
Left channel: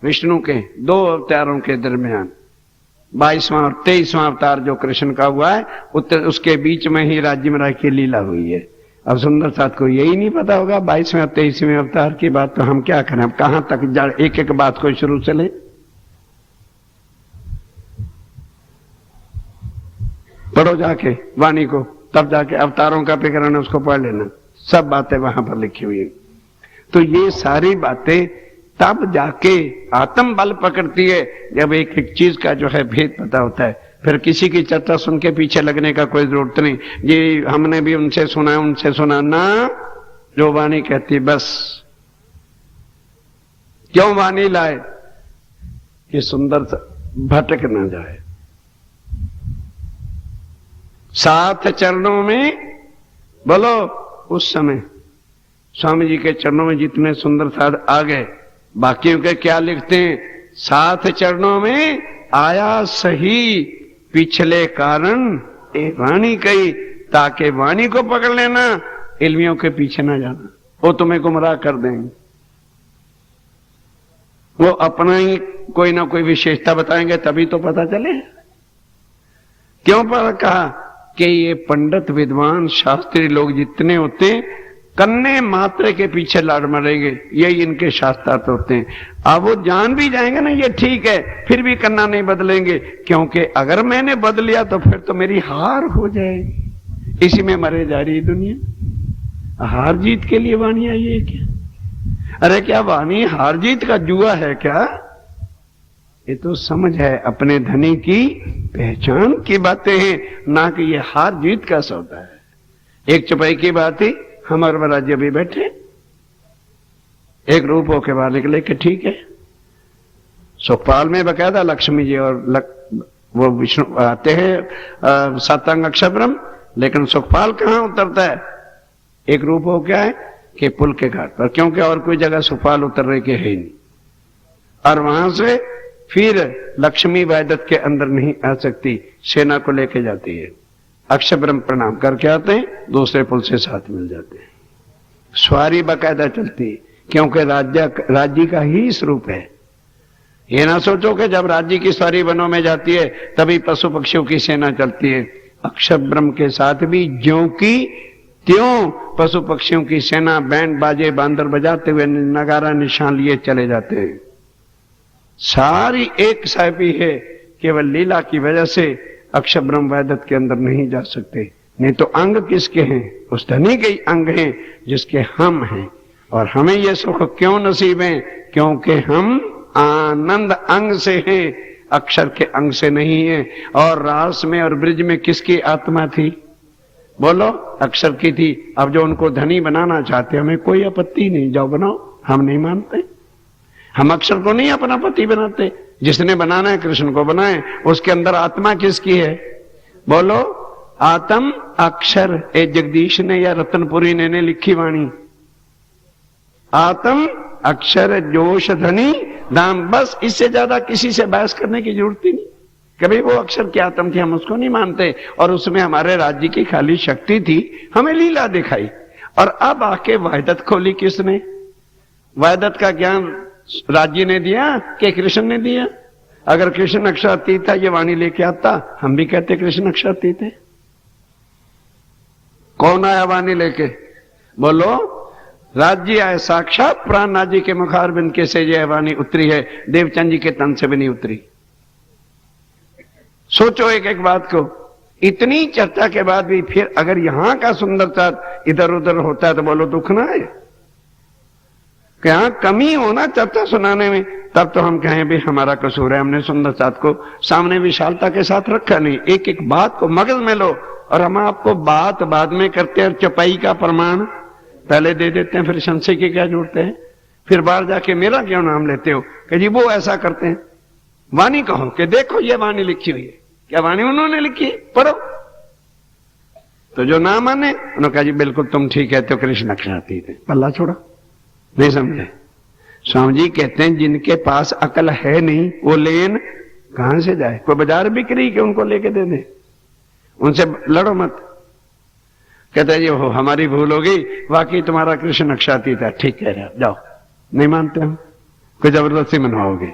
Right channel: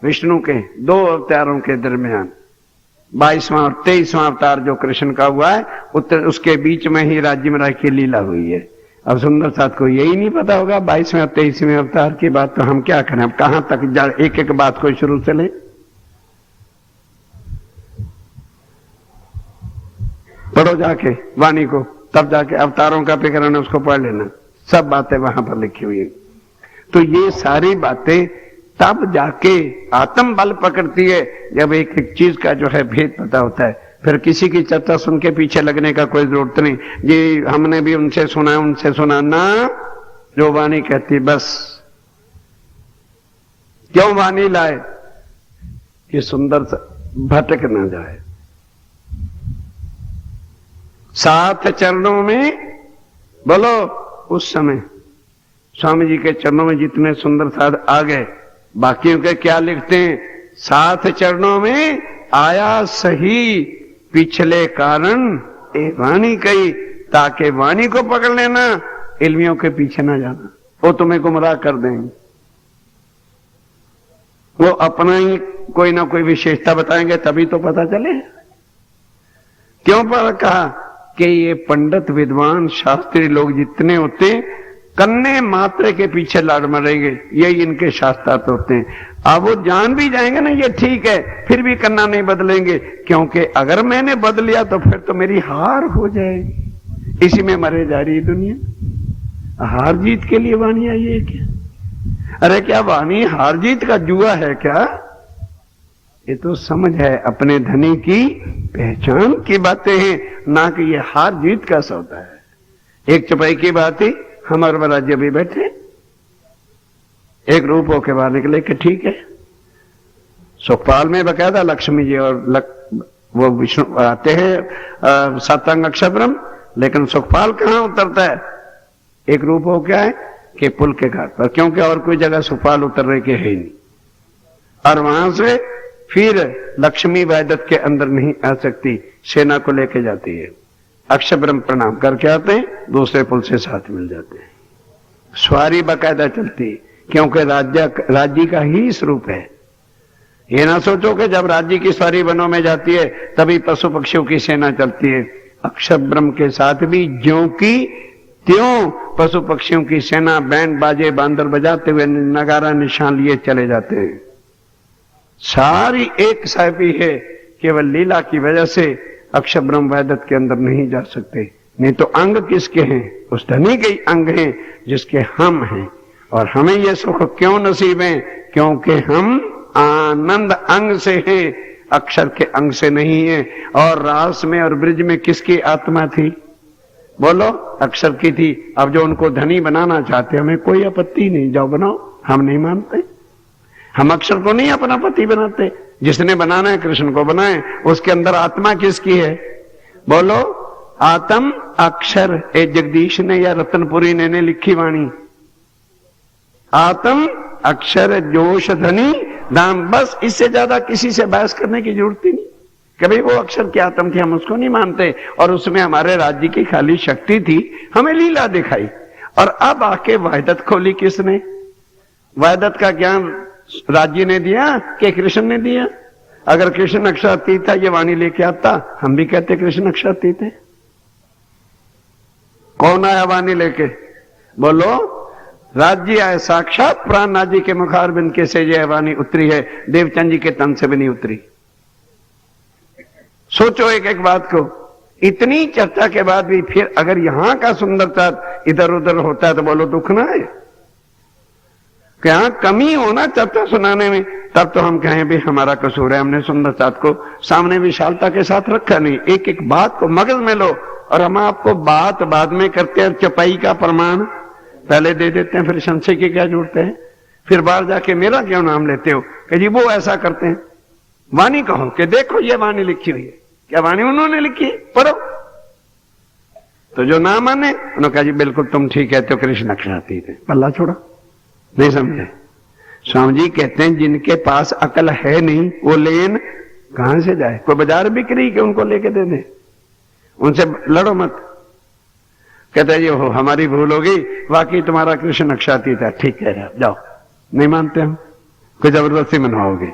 विष्णु के 2 अवतारों के दरमियान 22वां और 23वां अवतार जो कृष्ण का हुआ है, उसके बीच में ही राज्य में की लीला हुई है। अब सुंदर साथ को यही नहीं पता होगा 22वें और 23वें अवतार की बात, तो हम क्या करें? अब कहां तक एक एक बात को शुरू से ले? पढ़ो जाके वाणी को, तब जाके अवतारों का प्रकरण है, उसको पढ़ लेना, सब बातें वहां पर लिखी हुई है। तो ये सारी बातें तब जाके आत्म बल पकड़ती है जब एक एक चीज का जो है भेद पता होता है। फिर किसी की चर्चा सुन के पीछे लगने का कोई जरूरत नहीं, ये हमने भी उनसे सुना है, उनसे सुना ना, जो वाणी कहती बस। क्यों वाणी लाए? कि सुंदर भटक न जाए। 7 चरणों में बोलो, उस समय स्वामी जी के चरणों में जितने सुंदर साध आ गए, बाकियों के क्या लिखते हैं? 7 चरणों में आया सही पिछले कारण ए वाणी कही, ताकि वाणी को पकड़ लेना, इल्मियों के पीछे ना जाना, वो तुम्हें गुमराह कर देंगे। वो अपना ही कोई ना कोई विशेषता बताएंगे, तभी तो पता चले। क्यों पर कहा कि ये पंडित विद्वान शास्त्री लोग जितने होते, कन्ने मात्रे के पीछे लाड़ मरेंगे, यही इनके शास्त्रार्थ होते हैं। अब वो जान भी जाएंगे ना ये ठीक है, फिर भी कन्ना नहीं बदलेंगे, क्योंकि अगर मैंने बदल लिया तो फिर तो मेरी हार हो जाएगी। इसी में मरे जा रही दुनिया। हार जीत के लिए वाणी आई है क्या? अरे क्या वाणी हार जीत का जुआ है क्या? ये तो समझ है, अपने धनी की पहचान की बातें हैं, ना कि ये हार जीत का सौदा है। एक चौपाई की बात ही, हम और राज्य भी बैठे, एक रूप होके बाहर निकले कि ठीक है। सुखपाल में बकायदा लक्ष्मी जी और वो विष्णु आते हैं सप्तांग अक्षर ब्रह्म, लेकिन सुखपाल कहां उतरता है? एक रूप हो क्या है कि पुल के घाट पर, क्योंकि और कोई जगह सुखपाल उतरने के है ही नहीं। और वहां से फिर लक्ष्मी वैदत के अंदर नहीं आ सकती, सेना को लेके जाती है। अक्षर ब्रह्म प्रणाम करके आते हैं, दूसरे पुल से साथ मिल जाते हैं। सवारी बाकायदा चलती, क्योंकि राज्य का ही स्वरूप है। ये ना सोचो कि जब राज्य की सवारी वनों में जाती है तभी पशु पक्षियों की सेना चलती है। अक्षर ब्रह्म के साथ भी ज्यों की त्यों पशु पक्षियों की सेना बैंड बाजे बांदर बजाते हुए नगारा निशान लिए चले जाते हैं। सारी एक साहबी है, केवल लीला की वजह से अक्षर ब्रह्म वैदत के अंदर नहीं जा सकते। नहीं तो अंग किसके हैं? उस धनी के अंग हैं जिसके हम हैं। और हमें यह सुख क्यों नसीब है? क्योंकि हम आनंद अंग से हैं, अक्षर के अंग से नहीं है। और रास में और ब्रिज में किसकी आत्मा थी? बोलो, अक्षर की थी। अब जो उनको धनी बनाना चाहते, हमें कोई आपत्ति नहीं, जाओ बनाओ, हम नहीं मानते। हम अक्षर को नहीं अपना पति बनाते, जिसने बनाना है कृष्ण को बनाए। उसके अंदर आत्मा किसकी है? बोलो, आत्म अक्षर। ए जगदीश ने या रतनपुरी ने लिखी वाणी, आत्म अक्षर जोश धनी दाम। बस इससे ज्यादा किसी से बहस करने की जरूरत ही नहीं। कभी वो अक्षर की आत्म थी, हम उसको नहीं मानते। और उसमें हमारे राज्य की खाली शक्ति थी, हमें लीला दिखाई। और अब आके वहदत खोली किसने? वहदत का ज्ञान राज्य ने दिया कि कृष्ण ने दिया? अगर कृष्ण अक्षरातीत था, ये वाणी लेके आता, हम भी कहते कृष्ण अक्षरातीत है। कौन आया वाणी लेके? बोलो, राज्य आए साक्षात प्राणनाथ जी के मुखारबिंद के से यह वाणी उतरी है, देवचंद जी के तन से भी नहीं उतरी। सोचो एक एक बात को। इतनी चर्चा के बाद भी फिर अगर यहां का सुंदरता इधर उधर होता है तो बोलो दुख ना है? क्या कमी होना चर्चा सुनाने में? तब तो हम कहें भी हमारा कसूर है, हमने सुंदर साथ को सामने विशालता के साथ रखा नहीं। एक एक बात को मगज में लो, और हम आपको बात बाद में करते हैं, चपाई का प्रमाण पहले दे देते हैं, फिर संशय की क्या जोड़ते हैं, फिर बाहर जाके मेरा क्यों नाम लेते हो कि जी वो ऐसा करते हैं। वाणी कहो कि देखो ये वाणी लिखी हुई है, क्या वाणी उन्होंने लिखी है, पढ़ो। तो जो ना माने उन्होंने कहा जी बिल्कुल तुम ठीक है, तो कृष्ण अक्षरातीत थे, पल्ला छोड़ो, नहीं समझे। स्वामी जी कहते हैं जिनके पास अकल है नहीं वो लेन कहां से जाए। कोई बाजार बिक्री के उनको लेके दे दे, उनसे लड़ो मत। कहते हैं जी हो हमारी भूल होगी, वाकई तुम्हारा कृष्ण अक्षरातीत है, ठीक है जाओ। नहीं मानते हम, कोई जबरदस्ती मनवाओगे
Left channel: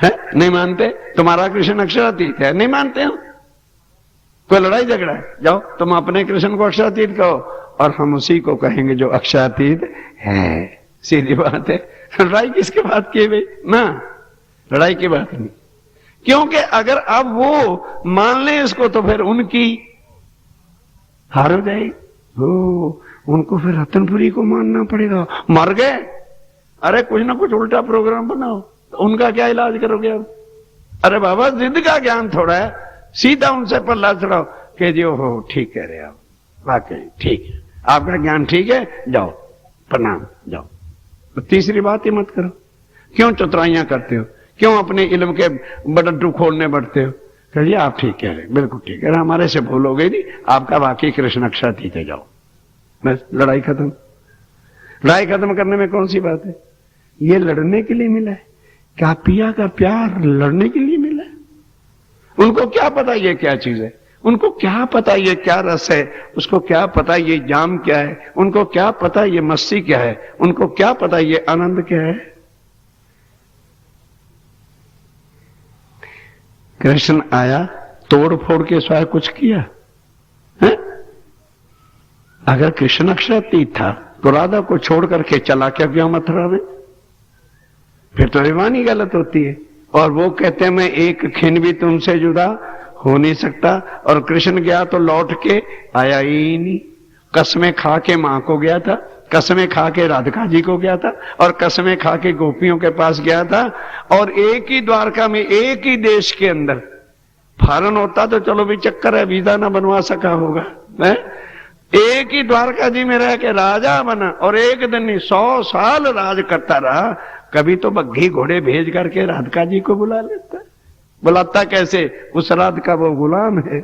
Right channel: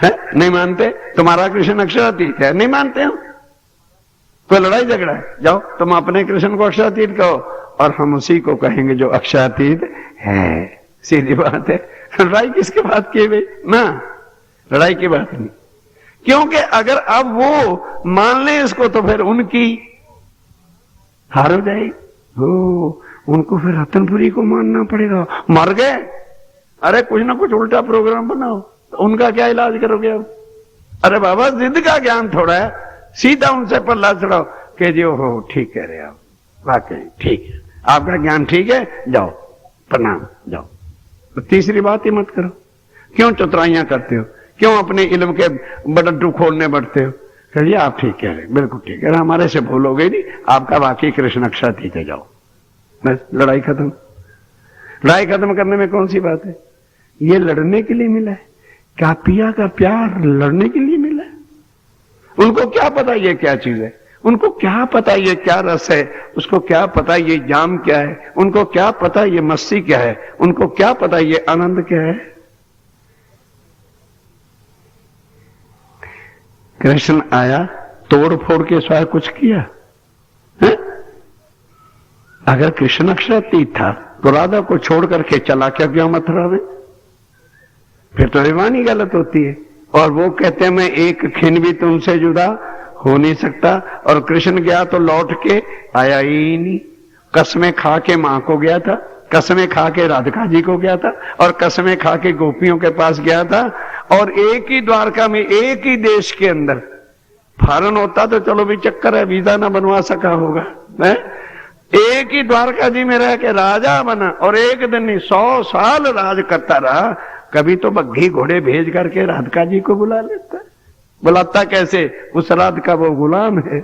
है, नहीं मानते। तुम्हारा कृष्ण अक्षरातीत है, नहीं मानते हम, कोई लड़ाई झगड़ा है, जाओ तुम अपने कृष्ण को अक्षरातीत कहो और हम उसी को कहेंगे जो अक्षरातीत है। सीधी बात है। लड़ाई किसके बात की भाई ना, लड़ाई की बात नहीं, क्योंकि अगर अब वो मान ले इसको तो फिर उनकी हार हो जाएगी। उनको फिर रतनपुरी को मानना पड़ेगा, मर गए। अरे कुछ ना कुछ उल्टा प्रोग्राम बनाओ, तो उनका क्या इलाज करोगे अब। अरे बाबा जिद का ज्ञान थोड़ा है, सीधा उनसे पल्ला चढ़ाओ कि जी हो ठीक कह रहे आप, वाकई ठीक है, आपका ज्ञान ठीक है, जाओ प्रणाम जाओ। तो तीसरी बात ही मत करो। क्यों चतुराइयां करते हो, क्यों अपने इल्म के बडड्डू खोलने बढ़ते हो। कहिए आप ठीक कह रहे, बिल्कुल ठीक है, हमारे से भूल हो गई नहीं, आपका वाकई कृष्ण अक्षरातीत है, जाओ बस लड़ाई खत्म। लड़ाई खत्म करने में कौन सी बात है, ये लड़ने के लिए मिला है। क्या पिया का प्यार लड़ने के लिए मिला है। उनको क्या पता ये क्या चीज है, उनको क्या पता ये क्या रस है, उसको क्या पता ये जाम क्या है, उनको क्या पता ये मस्ती क्या है, उनको क्या पता ये आनंद क्या है। कृष्ण आया तोड़ फोड़ के स्वाय कुछ किया है? अगर कृष्ण अक्षरातीत था तो राधा को छोड़ करके चला क्यों मथुरा में, फिर तो वाणी गलत होती है। और वो कहते हैं मैं एक खिन भी तुमसे जुदा हो नहीं सकता, और कृष्ण गया तो लौट के आया ही नहीं। कसमें खा के मां को गया था, कसमें खा के राधिका जी को गया था, और कसमें खा के गोपियों के पास गया था। और एक ही द्वारका में एक ही देश के अंदर फॉरेन होता तो चलो भी चक्कर है, वीजा ना बनवा सका होगा है? एक ही द्वारका जी में रह के राजा बना, और एक दिन नहीं 100 साल राज करता रहा। कभी तो बग्घी घोड़े भेज करके राधिका जी को बुला लेता। बुलाता कैसे, उस राधिका वो गुलाम है,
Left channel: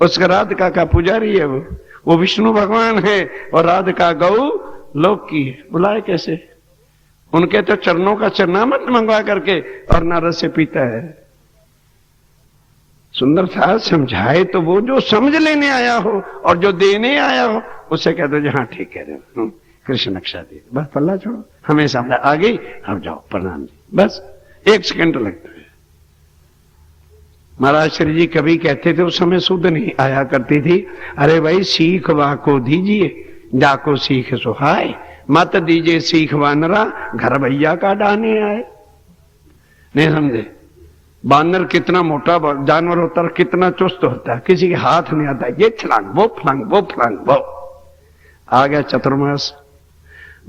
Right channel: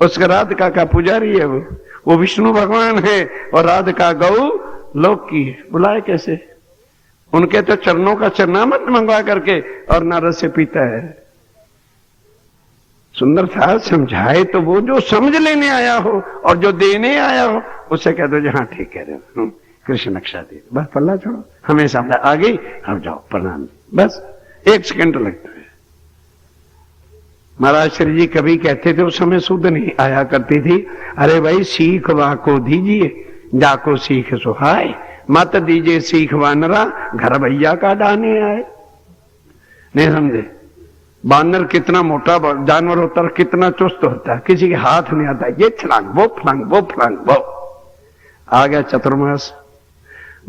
उस राधिका का पुजारी है, वो विष्णु भगवान है, और राधिका गौ लोक की है। बुलाए कैसे, उनके तो चरणों का चरणामृत मंगवा करके और नारद से पीता है। सुंदर था समझाए तो वो जो समझ लेने आया हो और जो देने आया हो उससे कह दो जहां ठीक कह रहे हो, कृष्ण अक्षरातीत, बस पल्ला छोड़ो, हमेशा आ गई, अब जाओ प्रणाम, बस 1 सेकंड लगता है। महाराज श्री जी कभी कहते थे, उस समय शुद्ध नहीं आया करती थी, अरे भाई सीख वाको दीजिए जाको सीख सुहाए, मत दीजिए सीख वानरा घर भैया का डाने आए। नहीं समझे, बानर कितना मोटा जानवर होता है, कितना चुस्त होता है, किसी के हाथ नहीं आता, ये फलांग वो फलांग वो फलांग वो। आ गया चतुर्मास,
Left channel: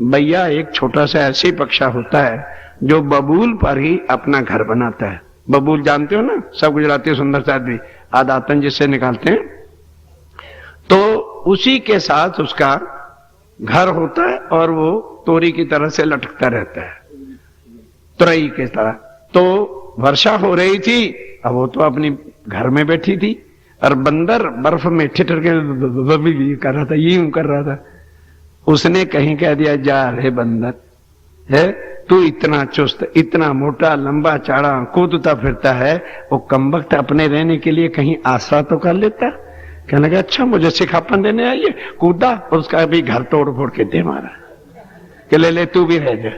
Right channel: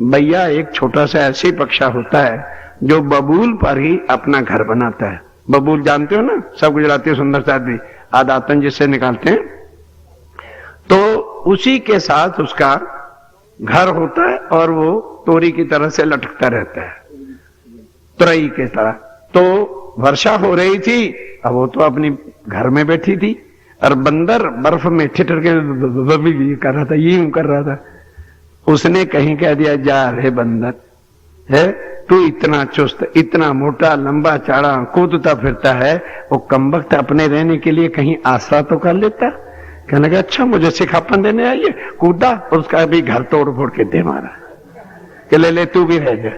भैया एक छोटा सा ऐसी पक्षा होता है जो बबूल पर ही अपना घर बनाता है। बबूल जानते हो ना, सब गुजराती सुंदर साथ भी आदातन जिससे निकालते हैं, तो उसी के साथ उसका घर होता है और वो तोरी की तरह से लटकता रहता है, तुरई के तरह। तो वर्षा हो रही थी, अब वो तो अपनी घर में बैठी थी, और बंदर बर्फ में ठिठर के कर रहा था, यूं कर रहा था। उसने कहीं कह दिया, जा रे बंदर है, तू इतना चुस्त, इतना मोटा, लंबा चाड़ा, कूदता फिरता है, वो कमबख्त अपने रहने के लिए कहीं आसरा तो कर लेता। कहने लगा, अच्छा मुझे सिखापन देने आइए। कूदा, उसका भी घर तोड़ फोड़ के दे मारा कि ले तू भी रह जा।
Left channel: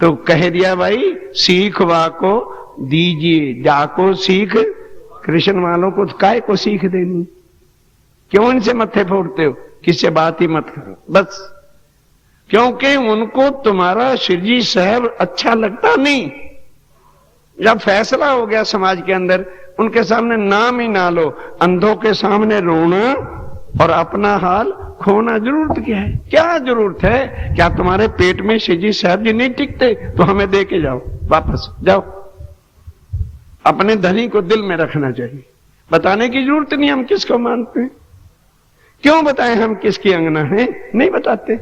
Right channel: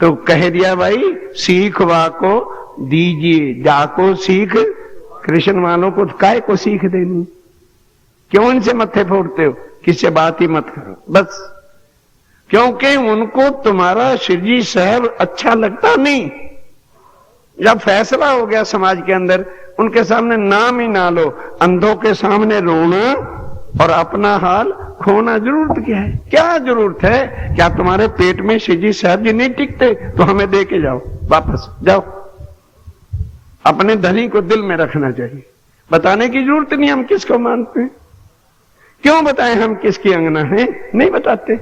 तो कह दिया, भाई सीख वाको दीजिए जाको सीख, कृष्ण वालों को काय को सीख देनी, क्यों इनसे मत्थे फोड़ते हो, किससे बात ही मत करो बस, क्योंकि उनको तुम्हारा शिरजी शहर अच्छा लगता नहीं। जब फैसला हो गया समाज के अंदर, उनके सामने नाम ही ना लो। अंधों के सामने रोना और अपना हाल खोना जरूरत क्या है? क्या जरूरत है? क्या तुम्हारे पेट में शिजी साहब जी नहीं टिकते? तो हमें दे के जाओ, वापस जाओ। अपने धनी को दिल में रखना चाहिए। बताने की जरूरत नहीं हम किसको मानते हैं। क्यों बताएं हम किसकी अंगना है? नहीं बताते।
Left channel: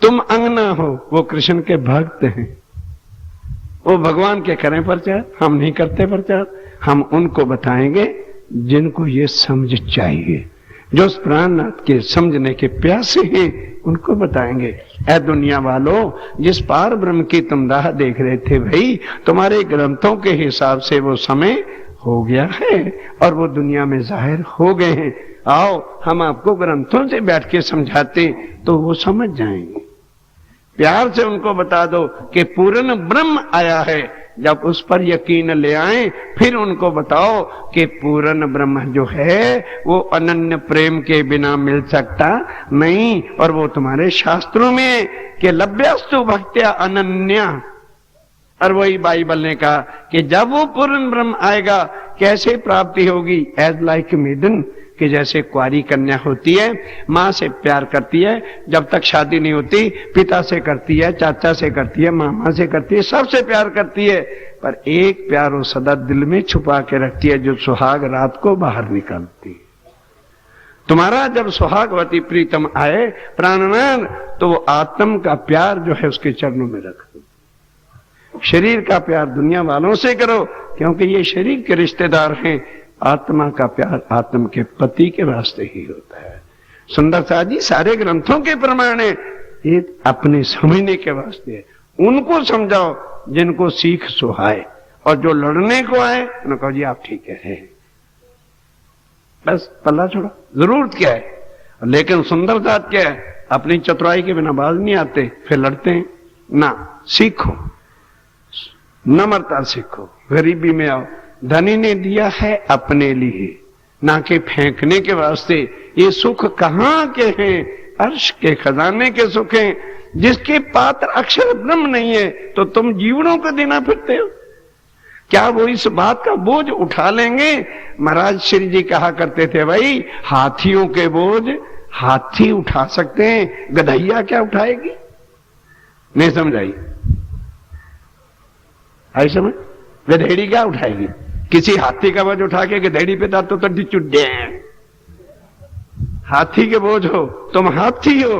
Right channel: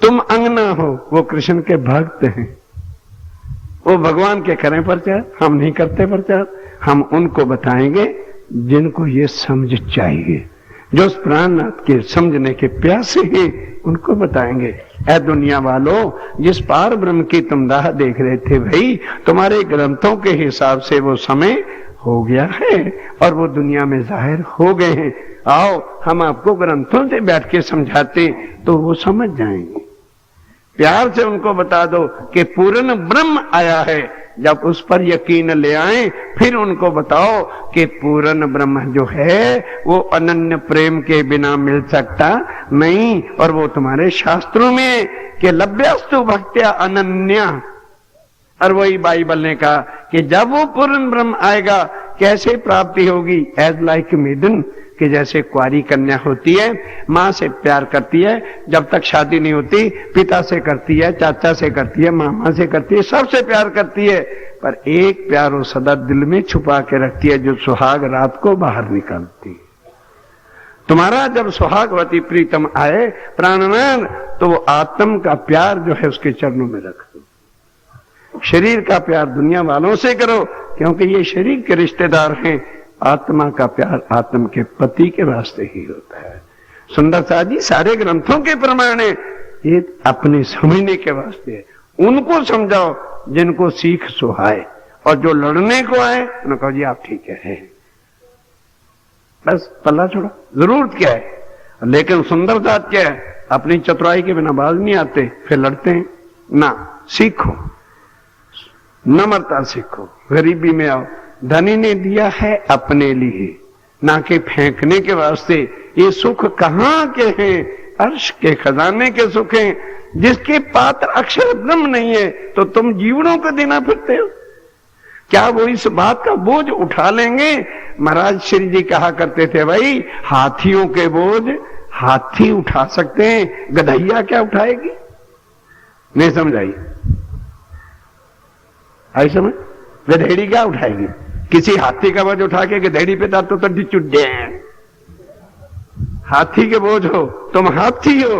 तुम अंगना हो, वो कृष्ण के भक्त हैं, वो भगवान के करें प्रचार, हम नहीं करते प्रचार। हम उनको बताएंगे जिनको ये समझ चाहिए, जो उस प्राणनाथ के समझने के प्यासे हैं, उनको बताएंगे। ऐ दुनिया वालों, जिस पार ब्रह्म की तुम राह देख रहे थे भाई, तुम्हारे ग्रंथों के हिसाब से वो समय हो गया है और वो दुनिया में जाहिर हो गए हैं। आओ हम आपको ग्रंथों से बैठ के समझाते तो वो समझ जाएंगे। प्यार से उनको बता दो कि पूर्ण ब्रह्म आया है। जब उस पर यकीन ले आए फिर उनको बताओ कि पूर्ण ब्रह्म जो है वो अनन्य प्रेम के बिना मिल सकता नहीं। और वो तुम्हारे शास्त्रों में कि लभ्यस्तु भक्त्या अनन्या, और वही बाइबल ने कहा कि जब वो पूर्ण ब्रह्म आएगा कैसे प्राप्ति होगी? एज लाइक मेडन, कि जैसे कुंवारी कन्या होती है, माँ से प्यार करती है, जब तक शादी नहीं होती पिता से करती है, चाचा से करती है, मामा से करती है, सबसे प्यार करती है, पर एक प्यार वो सदा दिल में छुपा के रखती है जो सुहाग रात को बाहर निकालती है। तुम्हारा जब सुहागवती प्रीतम आए प्राणनाथ, तो वो आत्म का प्यार जो है उसके चरणों में रख दो। शरीर का प्यार दुनिया वालों से करो क्योंकि ये शरीर के रिश्तेदार हैं। आत्मा का प्यार आत्म के पति के वास्ते ही होता है। सुंदरता जी सारे ग्रंथों के प्रमाण है, ये अपने समझने के वास्ते है। उनको समझाओ जिनको सीख सुहाए, और जो लड़ने को आए उनको कहो जी आप ठीक है, बस पल्ला छोड़ो। जरूरत क्या है? लेकिन सुंदरता क्या है? अपनी चतुराई के बिना बाज नहीं आते, फिर लड़ते हैं ना। सीखो, नम्रता सीखो, गरीबी में आओ। धनी ने दिया है अपने लिए, ना कि फेंकने के वास्ते। ये सुख कहां के हैं? अर्श के खजाने के सुख हैं। जिसके पात्र अक्षर ब्रह्म नहीं है तो तुम जीवनों को देना फिरते हो। क्या वो इस बात का बोझ उठा लेंगे? महाराज श्री जी कहा करते थे भाई, हाथियों के बोझ हाथी उठा सकते हैं, गधैया क्या उठाएगी? नहीं समझाई? आई समझ? गधेड़ी क्या उठाएगी? किसी हाथी का बोझ उठा के गधेड़ी पे डाल तो चुड्डे। हाथी के बोझ हो, तुम हाथी हो,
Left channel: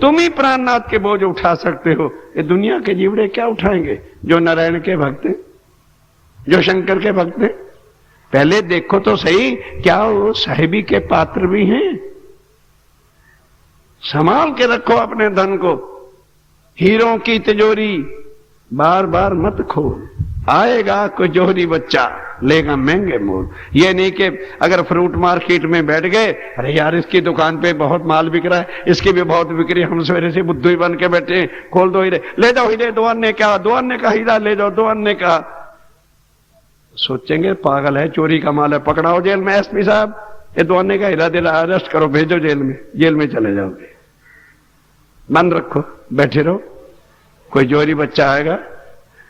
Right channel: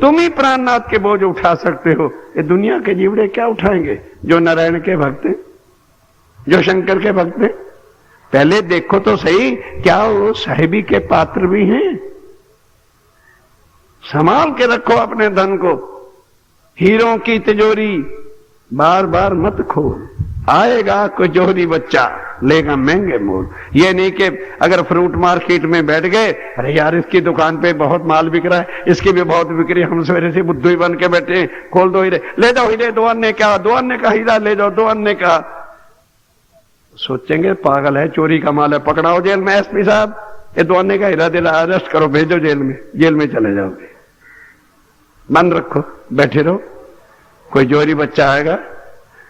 तुम ही प्राणनाथ के बोझ उठा सकते हो। ये दुनिया के जीवड़े क्या उठाएंगे? जो नारायण के भक्त हैं, जो शंकर के भक्त हैं। पहले देखो तो सही, क्या वो साहिबी के पात्र भी हैं? संभाल के रखो अपने धन को। हीरों की तिजोरी बार बार मत खोल, आएगा कोई जोहरी बच्चा लेगा महंगे मोल। ये नहीं कि अगर फ्रूट मार्केट में बैठ गए, अरे यार इसकी दुकान पे बहुत माल बिक रहा है, इसकी भी बहुत बिक्री, हम सवेरे से बुद्धू ही बन के बैठे, खोल दो हीरे, ले जाओ हीरे, 2 अन्य का, 2 अन्य का हीरा ले जाओ, 2 अन्य का। सोचेंगे पागल है, चोरी का माल है, पकड़ाओ जेल में एसपी साहब, ये 2 अन्य का हीरा दे रहा, अरेस्ट करो, भेजो जेल में, जेल में चले जाओगे। बंद रखो, बैठे रहो। कोई जोहरी बच्चा आएगा,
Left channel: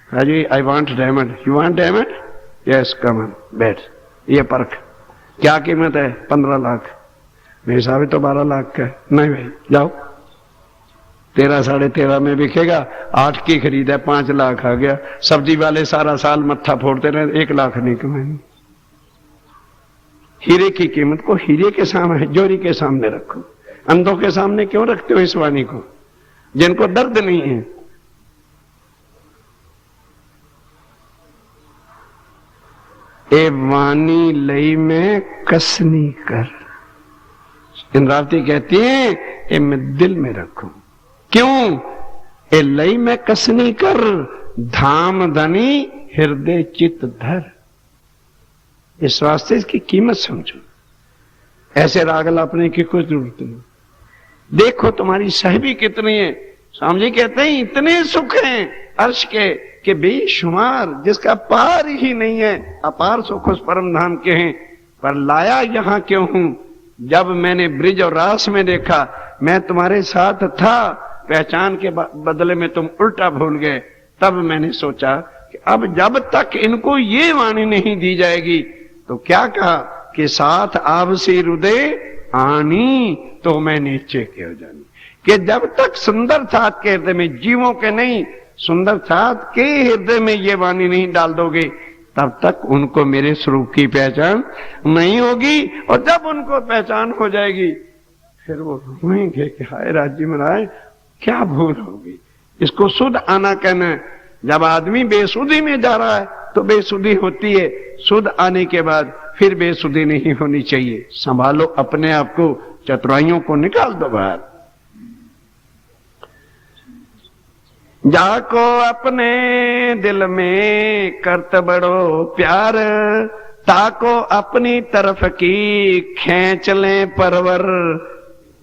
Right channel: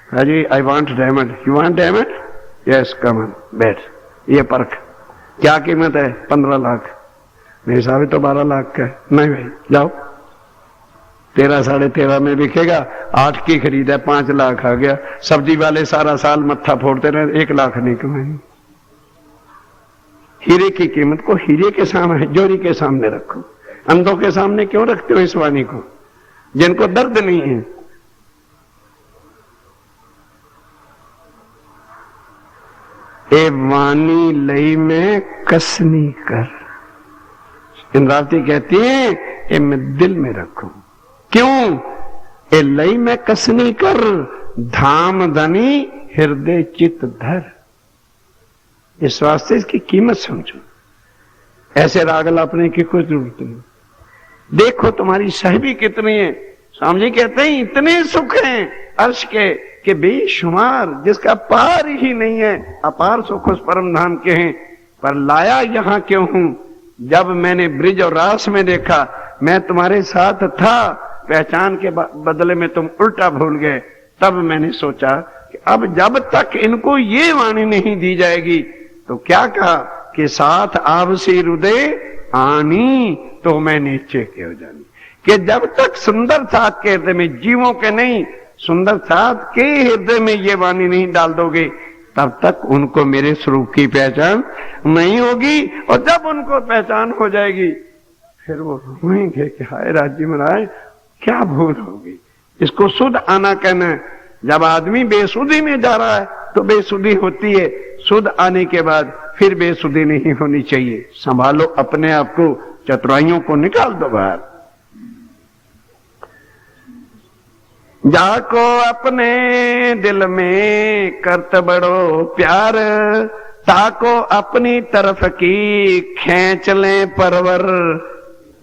हाजी I want diamond, you want diamond, yes come on बैठ। ये परख क्या कीमत है? 15 लाख। मेरे हिसाब तो 12 लाख का है। नहीं भाई जाओ, 13 साढ़े 13 में बिकेगा। 8 की खरीद है, 5 लाख आ गया। सब्जी वाले सारा साल मत्था फोड़ते रहे, 1 लाख नहीं कमाएंगे। हीरे की कीमत को हीरे के सामने, जोरी के सामने रखो। अंधों के सामने क्यों रखते हो इस वाणी को, जिनको दर्द नहीं है? ए वाणी लई में कसनी कर, इंद्रावती कहती है ए मैं दिल में रखूं। क्यों? ए लई में कसनी कर, धाम धनी हृदय चित धर। इस वास्ते इसकी कीमत समझो। ऐसे राग लापने की कोई जरूरत नहीं। देखो तुम्हारी साहिबी कितनी है। स्वामी जी कहते हैं इतने सुख हैं अर्श के कि बेशुमार, जिसका पार ही नहीं है। अपार सुख उस परम धाम के हैं। पर लाया यहां क्यों हूं? जब मैंने ब्रिज और रास में देखा, मैं तुम्हारे साथ था, पहचान के बदले में तुम उल्टा भूल गए। तब मैंने सोचा कि अब जब तक इनको ये वाणी नहीं दी जाएगी, तो क्या कहा कि साथ आवसी हृदय आनी तो मैं नीचे क्यों जानी, कि जब तक सुंदर साथ के हृदय में, जीवों के नहीं, सुंदर साथ के हृदय में ये वाणी नहीं डाल दोगे, तब तक उनको मेरे स्वरूप की पहचान नहीं होगी। और जब उनको पहचान हो जाएगी फिर वो रोएंगे कि हाय राज्य महाराज क्या भूल होगी। इसको शुद्ध आना कहना है। जब आदमी बेसुधी में जा रहा है तो बेसुधी होती है, शुद्ध आने के बाद फिर बेसुधी नहीं होनी चाहिए। संभालो अपने आप को, चतुराइयों को निकाल दो बाहर। जाको अपने दिल में करत बड़ो प्यार, ताको अपनी तरफ की खींच ले परवर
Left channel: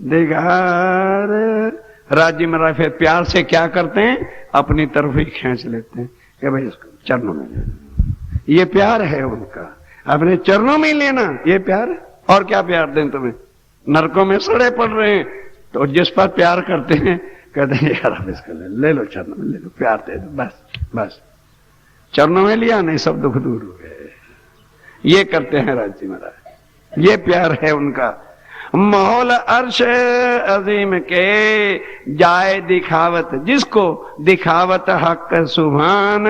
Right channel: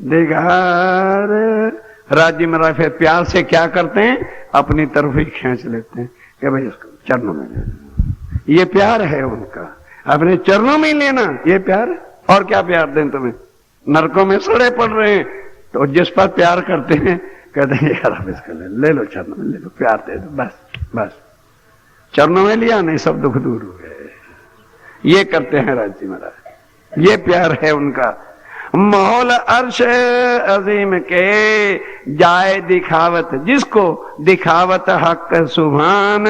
दिगार। राज्य महाराज फिर प्यार से क्या करते हैं, अपनी तरफ ही खींच लेते हैं कि भाई इसको चरणों में लेना, ये प्यार है उनका, अपने चरणों में लेना, ये प्यार। और क्या प्यार दें तुम्हें, नरकों में सड़े पड़ रहे हैं तो जिस पर प्यार करते हैं कहते हैं यार अब इसको ले लो, चरणों में ले लो, प्यार दे दो, बस बस। चरणों में लिया, नहीं सब दुख दूर हो गए। ये करते हैं राज्य महाराज, ये प्यार है उनका। मोल अर्श अजीम के जाए दिखावत, जिसको दिखावत हक सुभान।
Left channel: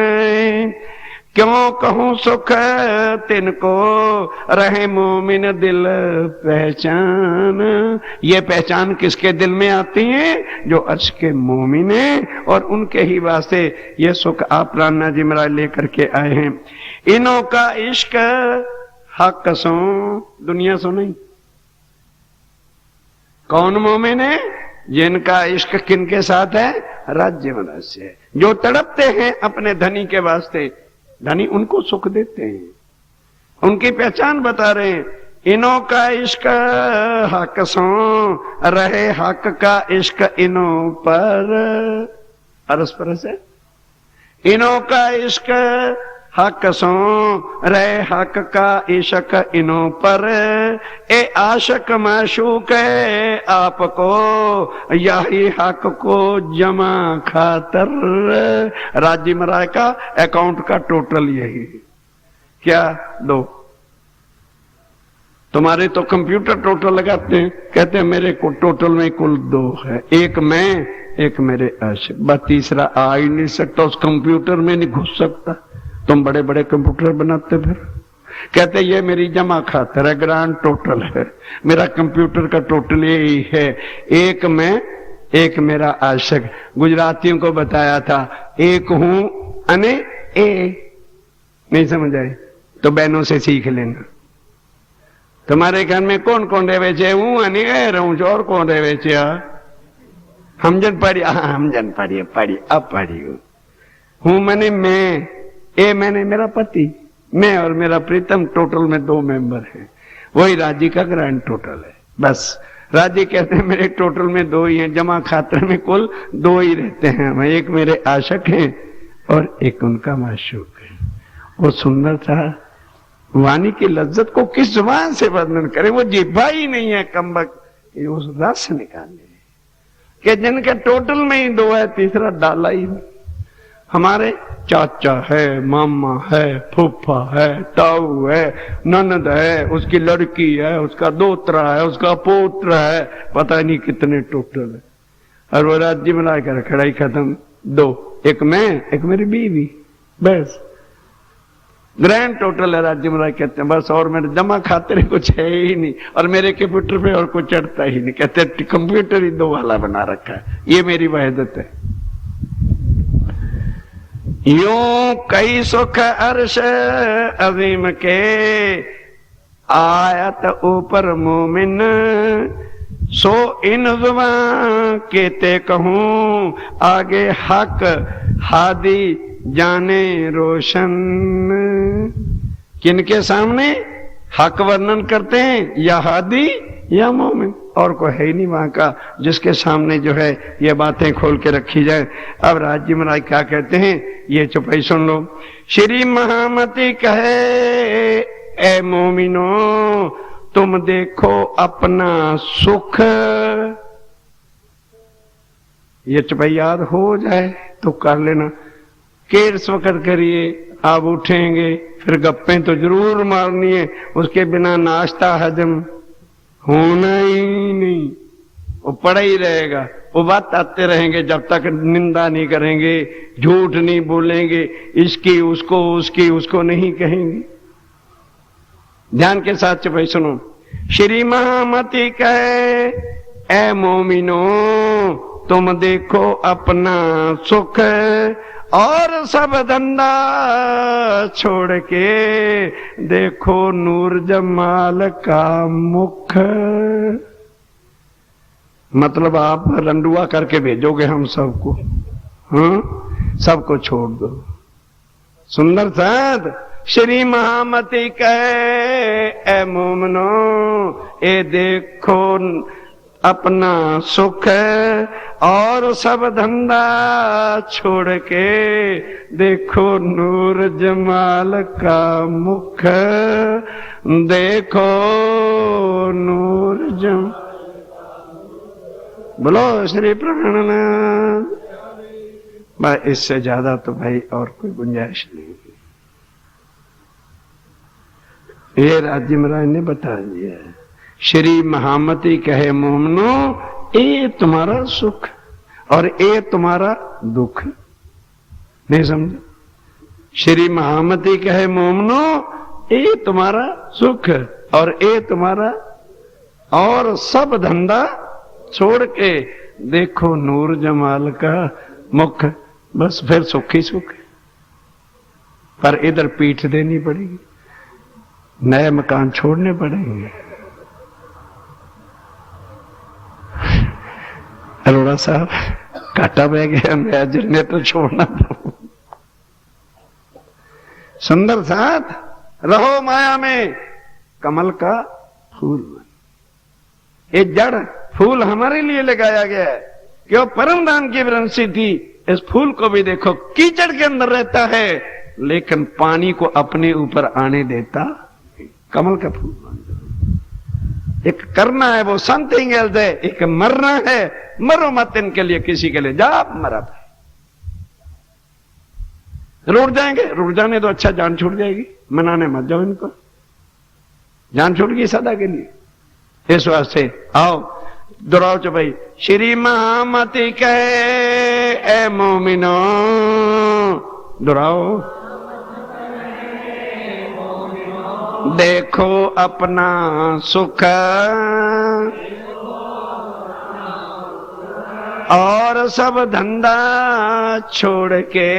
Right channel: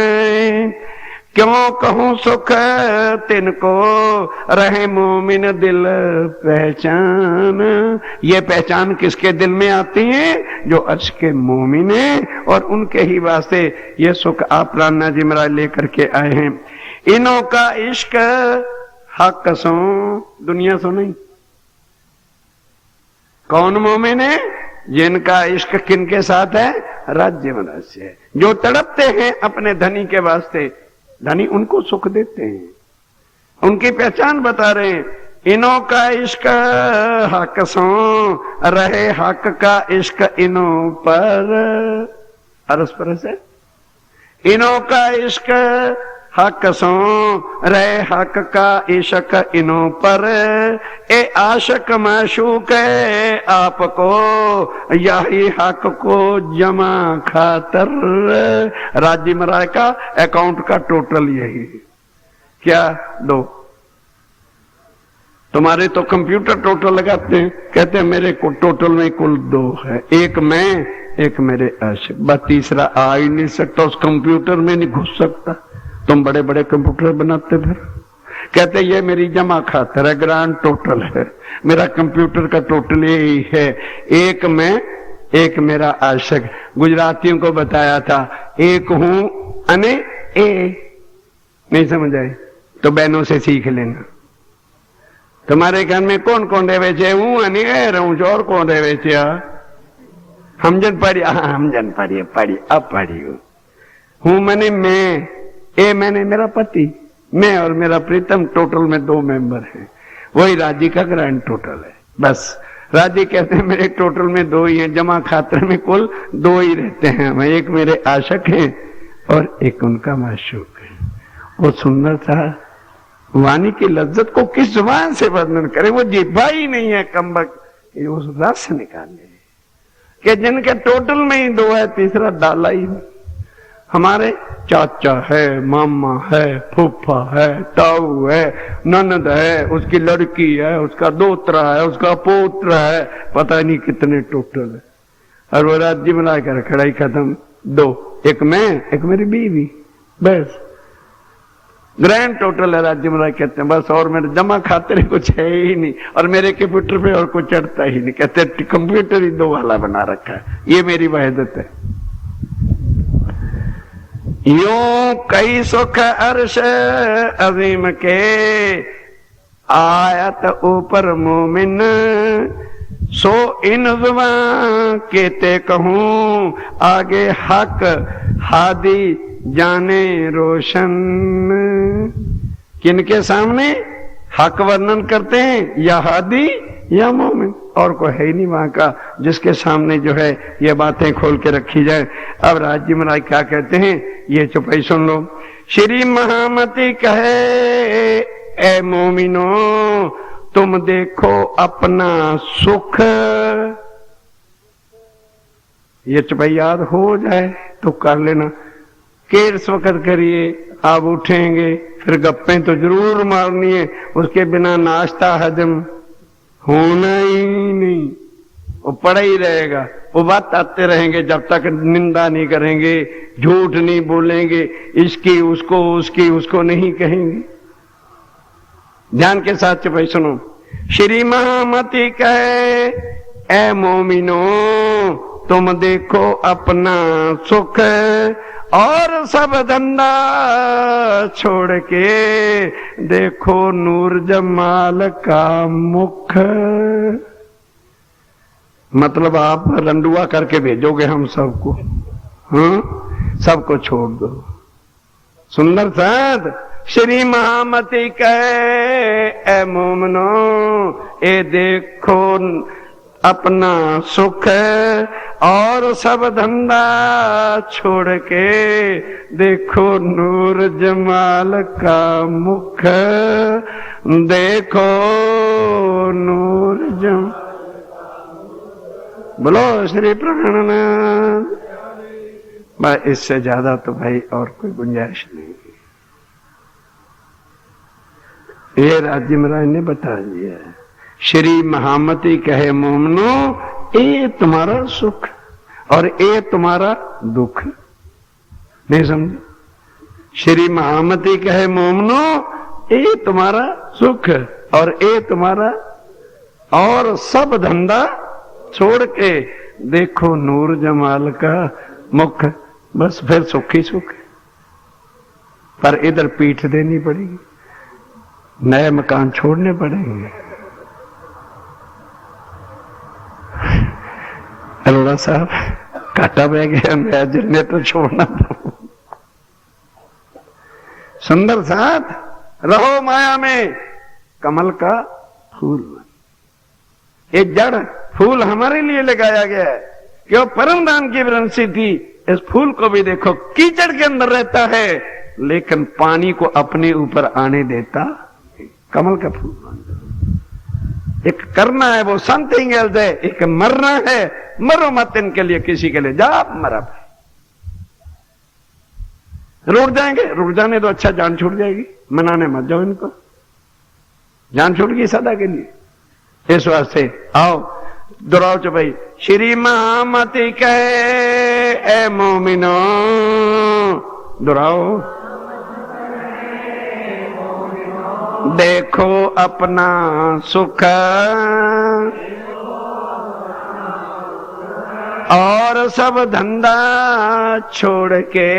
क्यों कहूं सुख तिनको रहे मोमिन दिल पहचान। ये पहचान किसके दिल में आती है, जो अर्श के मोमिन है, और उनके ही वास्ते ये सुख आप राणा जी महाराज लेकर के आए हैं। इनों का इश्क हक सो, दुनिया सो नहीं। कौन मोमिन है, जिनका इश्क किनके साथ है, राज्य महाराज से है। जो तड़पते हैं अपने धनी के वास्ते, धनी उनको सुख देते हैं, उनकी पहचान बता रहे हैं। इनों का इश्क हक सो रहे, हक का इश्क इनों पर। अरस परस है। इनों का इश्क हक सो रहे, हक का इश्क इनों पर। ए आशक माशूक आपको, यही हक को जमा खातर। राज्य महाराज का अकाउंट का टोटल यही है। क्या दो, तुम्हारे तो कंप्यूटर टोटल लगाते हैं, कहते हैं मेरे को टोटल में कुल 2 है, एक मैं एक मेरे आशिक, बस तीसरा आ ही नहीं सकता, उस कंप्यूटर में नहीं घुस सकता। तुम बड़े बड़े कंप्यूटर बनाते फिर, कहते ये मेरी जमा खातर है, ग्रांड टोटल है, मेरा कंप्यूटर का टोटल यही है, एक मैं एक मेरा आशिक। गुजरातियों को बताया था, एक हूं अने ए, नहीं समझ आए तो बहनों से सीख लेना। तुम्हारे घर में कौन कौन रहे छे, हूं अने ए रहूं छो, और कौन रहे छे, हमजन पढ़ी, हमजन पढ़ी पढ़ी अब पढ़ी हूं मैंने मैं, ए मैंने मेरा पति, मैं और मेरा प्रीतम, टोटल में 2 मेंबर हैं, वही राज्य का ग्रैंड टोटल है। बस राज्य कहते हैं मेरे टोटल में 2 ही हैं, जमा खातर में कुल 2 ही रहते हैं, मैं एक मेरे आशिक है और एक उनका माशूक है। वो सुंदर था, वाणी की लज्जत को किस जुबान से वर्णन करे, वो जिह्वा ही नहीं है कमबख्त कि उस रस निकाले, कि जिनके टोटल में ही 2 है, तीसरा डाला ही नहीं। हमारे चाचा है, मामा है, फूफा है, ताऊ है, ननद है, उसकी लड़की है, उसका दोतरा है, उसका पोत्र है, पता नहीं कितने टोटल है। और वो राज्य बनाकर खड़ा ही खत्म, 2, एक मैं एक मेरी बीवी, बस ग्रैंड टोटल है। राज्य महाराज कहते हैं बस, और मेरे जमा खाते कुछ है ही नहीं, और मेरे कंप्यूटर पे और कुछ चढ़ता ही नहीं, कहते कंप्यूटर ही 2 वाला बना रखा है, ये मेरी वहदत है। यूं कई सुख अर्श अजीम के, आयत ऊपर मोमिन, सो इन जुबां केते कहूं, आगे हक हादी जाने रोशन। किनके सामने हक वर्णन करते हैं, या हादी या मोमिन, और कोई है ही नहीं वहां का जिसके सामने जो है ये बातें खोल के रखी जाए। अब राज्य महाराज क्या कहते हैं, ये चुपाई सुन लो। श्री महामती कहे, ए मोमिनो तुम देखो अपना सुख। ये चुपाई याद हो जाए तो कर लेना, केर वक्त करिए, अब उठेंगे फिर गप्पें तो जरूर मारनी है, उसके बिना नाश्ता हजम होना ही नहीं। वो पड़ा ही रहेगा, वो बात आते रहेंगे जब तक निंदा नहीं करेंगे, झूठ नहीं बोलेंगे, इसकी उसको उसकी उसको नहीं कहेंगे। ध्यान के साथ भाई सुनो। श्री महामती कहे ए मोमिनो तुम देखो अपना सुख और सब धंधा छोड़ के देखो नूर जमाल का मुख। मतलब आप रंडुआ करके भेजोगे हम सबको, सबको छोड़ दो। सुंदर साथ श्री महामती कहे ए मोमनो ए देखो अपना सुख और सब धंधा छोड़ के देखो नूर जमाल का मुख। देखो नूर जमाल। बोलो श्री प्राणनाथ। बस इससे ज्यादा तो भाई और कोई गुंजाइश नहीं। ये राज्य महाराज ने बता दिया। श्री महामती कहे मोमनो ये तुम्हारा सुख और ये तुम्हारा दुख। नहीं समझे? श्री महामती कहे मोमनो ये तुम्हारा सुख और ये तुम्हारा और सब धंधा छोड़ के देखो नूर जमाल का मुख। बस फिर सुख ही सुख। पर इधर पीठ देनी पड़ेगी, नए मकान छोड़ने पड़ेंगे। अल्लाह साहब काटा बह गया, मैं जनरेटर छोड़ना था। सुंदर साथ रहो माया में कमल का फूल। ये जड़ फूल हमारे लिए लगाया गया है कि वो परम दान की वंशी थी। इस फूल को भी देखो कीचड़ के अंदर रहता है लेकिन पानी को अपने ऊपर आने देता। कमल का फूल बन जाओ। एक करना है वो समथिंग एल्स है, एक मरना है। मरो मत इनके लिए, किसी के लिए जा मरा। रुक जाएंगे, रुक जाने तो अच्छा, जान छूट जाएगी। मनाने मत जाओ इनको, जान छूट गई सदा के लिए। इस वास्ते आओ दोहराओ चो भाई। श्री महामती कहे ए मोमिनो। दोहराओ। देखो अपना सुख और सब धंधा छोड़ के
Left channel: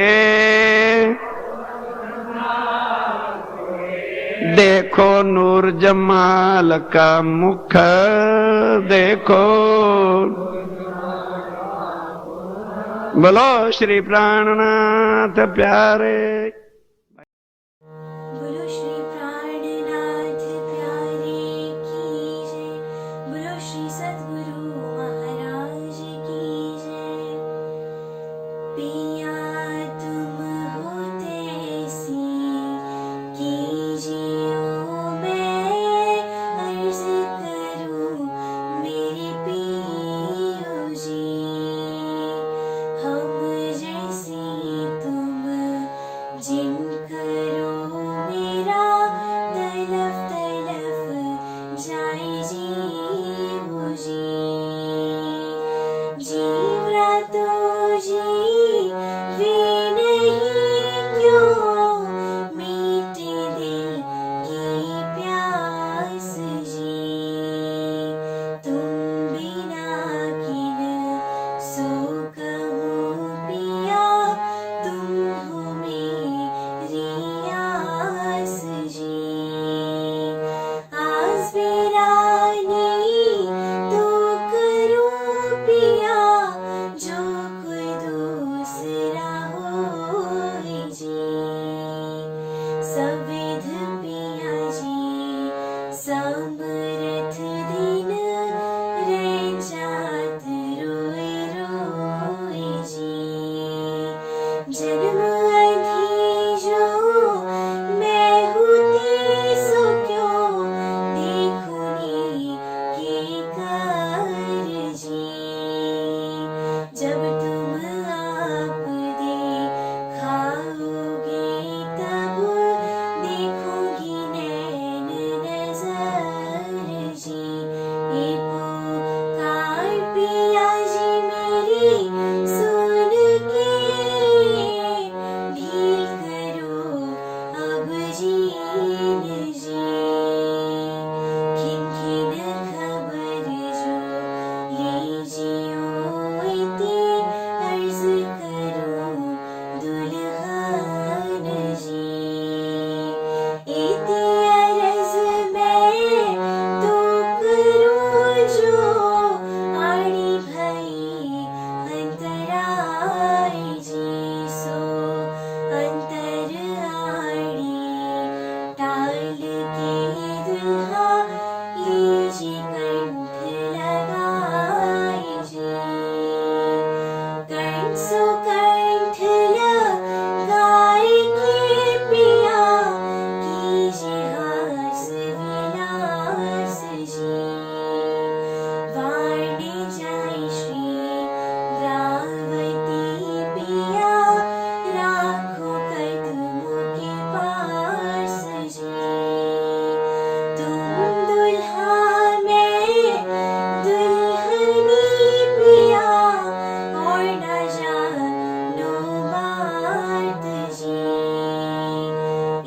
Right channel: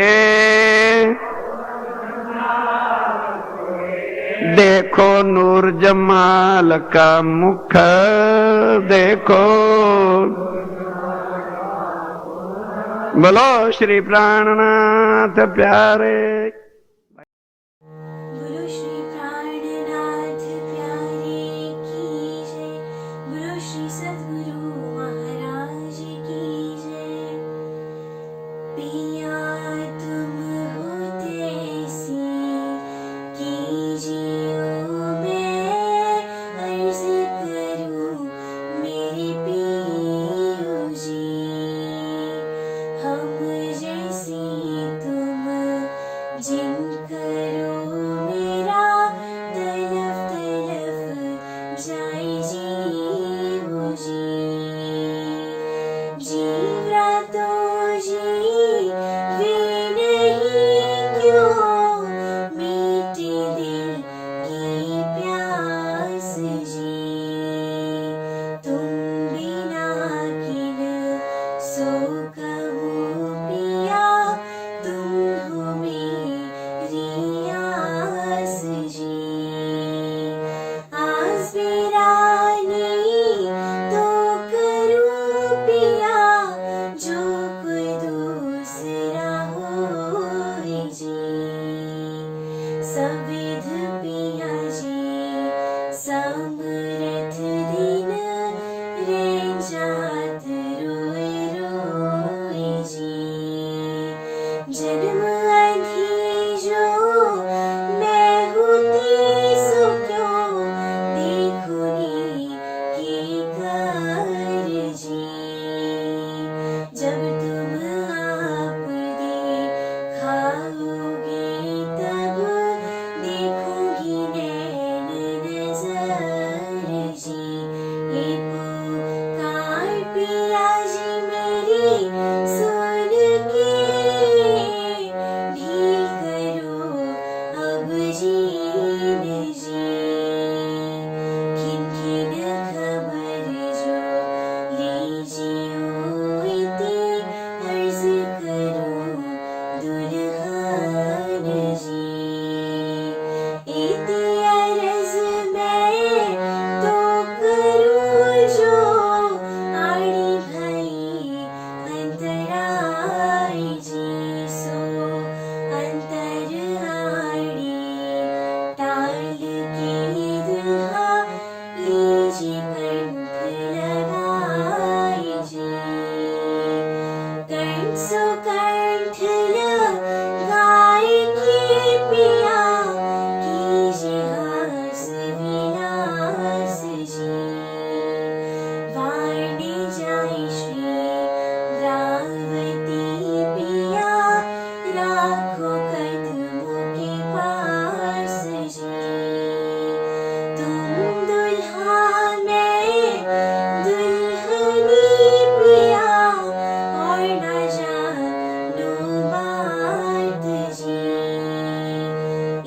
देखो नूर जमाल का मुख। देखो बोलो श्री प्राणनाथ प्यारे। बोलो श्री प्राणनाथ प्यारे की जय। बोलो श्री सद्गुरु महाराज की जय। पिया तुम होते ऐसी कीजियो मैं अर्ज करूं मेरे पियो जी। हम जैसी तुम जिन करो मेरा तलफ तलफ जाए जीवो जी। जीवरा तो जीवे नहीं क्यों मीठे दिल की प्यास जी। तुम बिना किन सो कहूँ पिया तुम हो मेरी आस जी। आस बिरानी तो करूँ पिया जो कोई दूसरा होए जी। सविध पिया जी समरथ दिन रे जात रोए रोए सुकंठ लगाए के पिया कीजे हास विलास जी वाणी जाय श्री द्रावती पिया राखो कदमों के पास जी तुम दुल्हा मैं दुल्हनी पिया और न जानो बात जी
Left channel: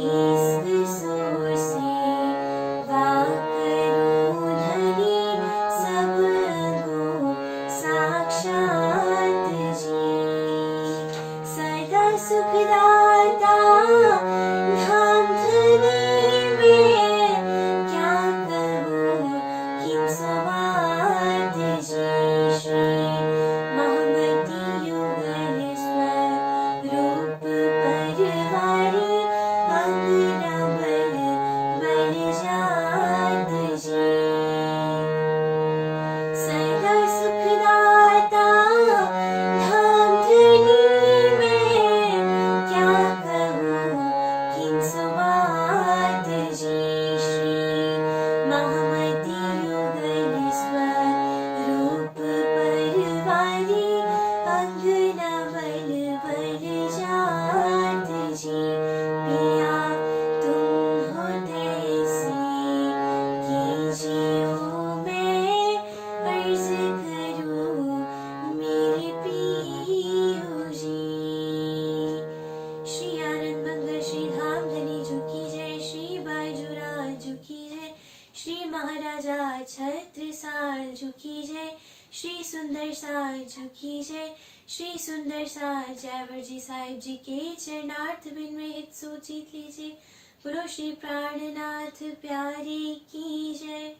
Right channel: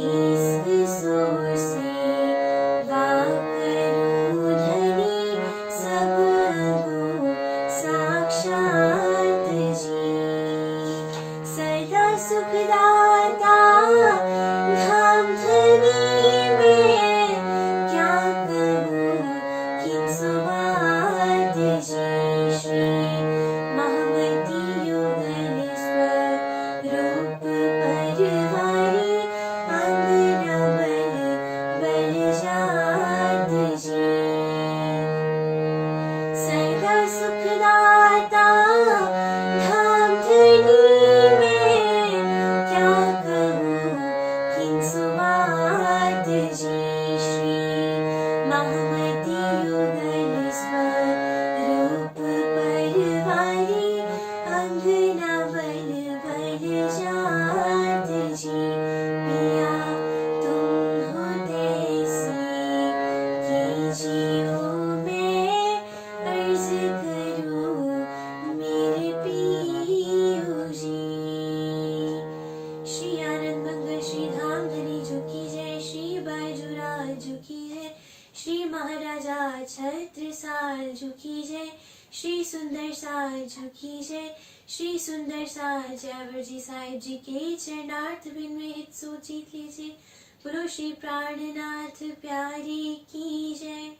इस सुर से वाकरूं धनी सब अंगों साक्षात जी सदा सुखदाता धाम धनी में क्या कहूँ किन सुबात जी श्री महामती युगलेश्वर रूप परिवारी अंगना बल बल जात जी सदा सुखदाता धाम धनी में क्या कहूँ किन सुबात जी श्री महामती युगलेश्वर रूप परिवारी अंगना बल बल जात जी पिया तुम हो तैसी कीजियो मैं अर्ज करूं मेरे पियो जी श्री आनंद मंगल श्री धाम धनी झुकी जय श्री बाजूराज झुकी जय श्री महाराजा छत्रसाल झुकी जय श्री सुंदर साल झुकी जय श्री सुंदर साल जयवर जी साहिब जी के चरणार्थ बिन में हित सो जीत लीजिए बोलो श्री प्राणनाथ प्यारे की जय।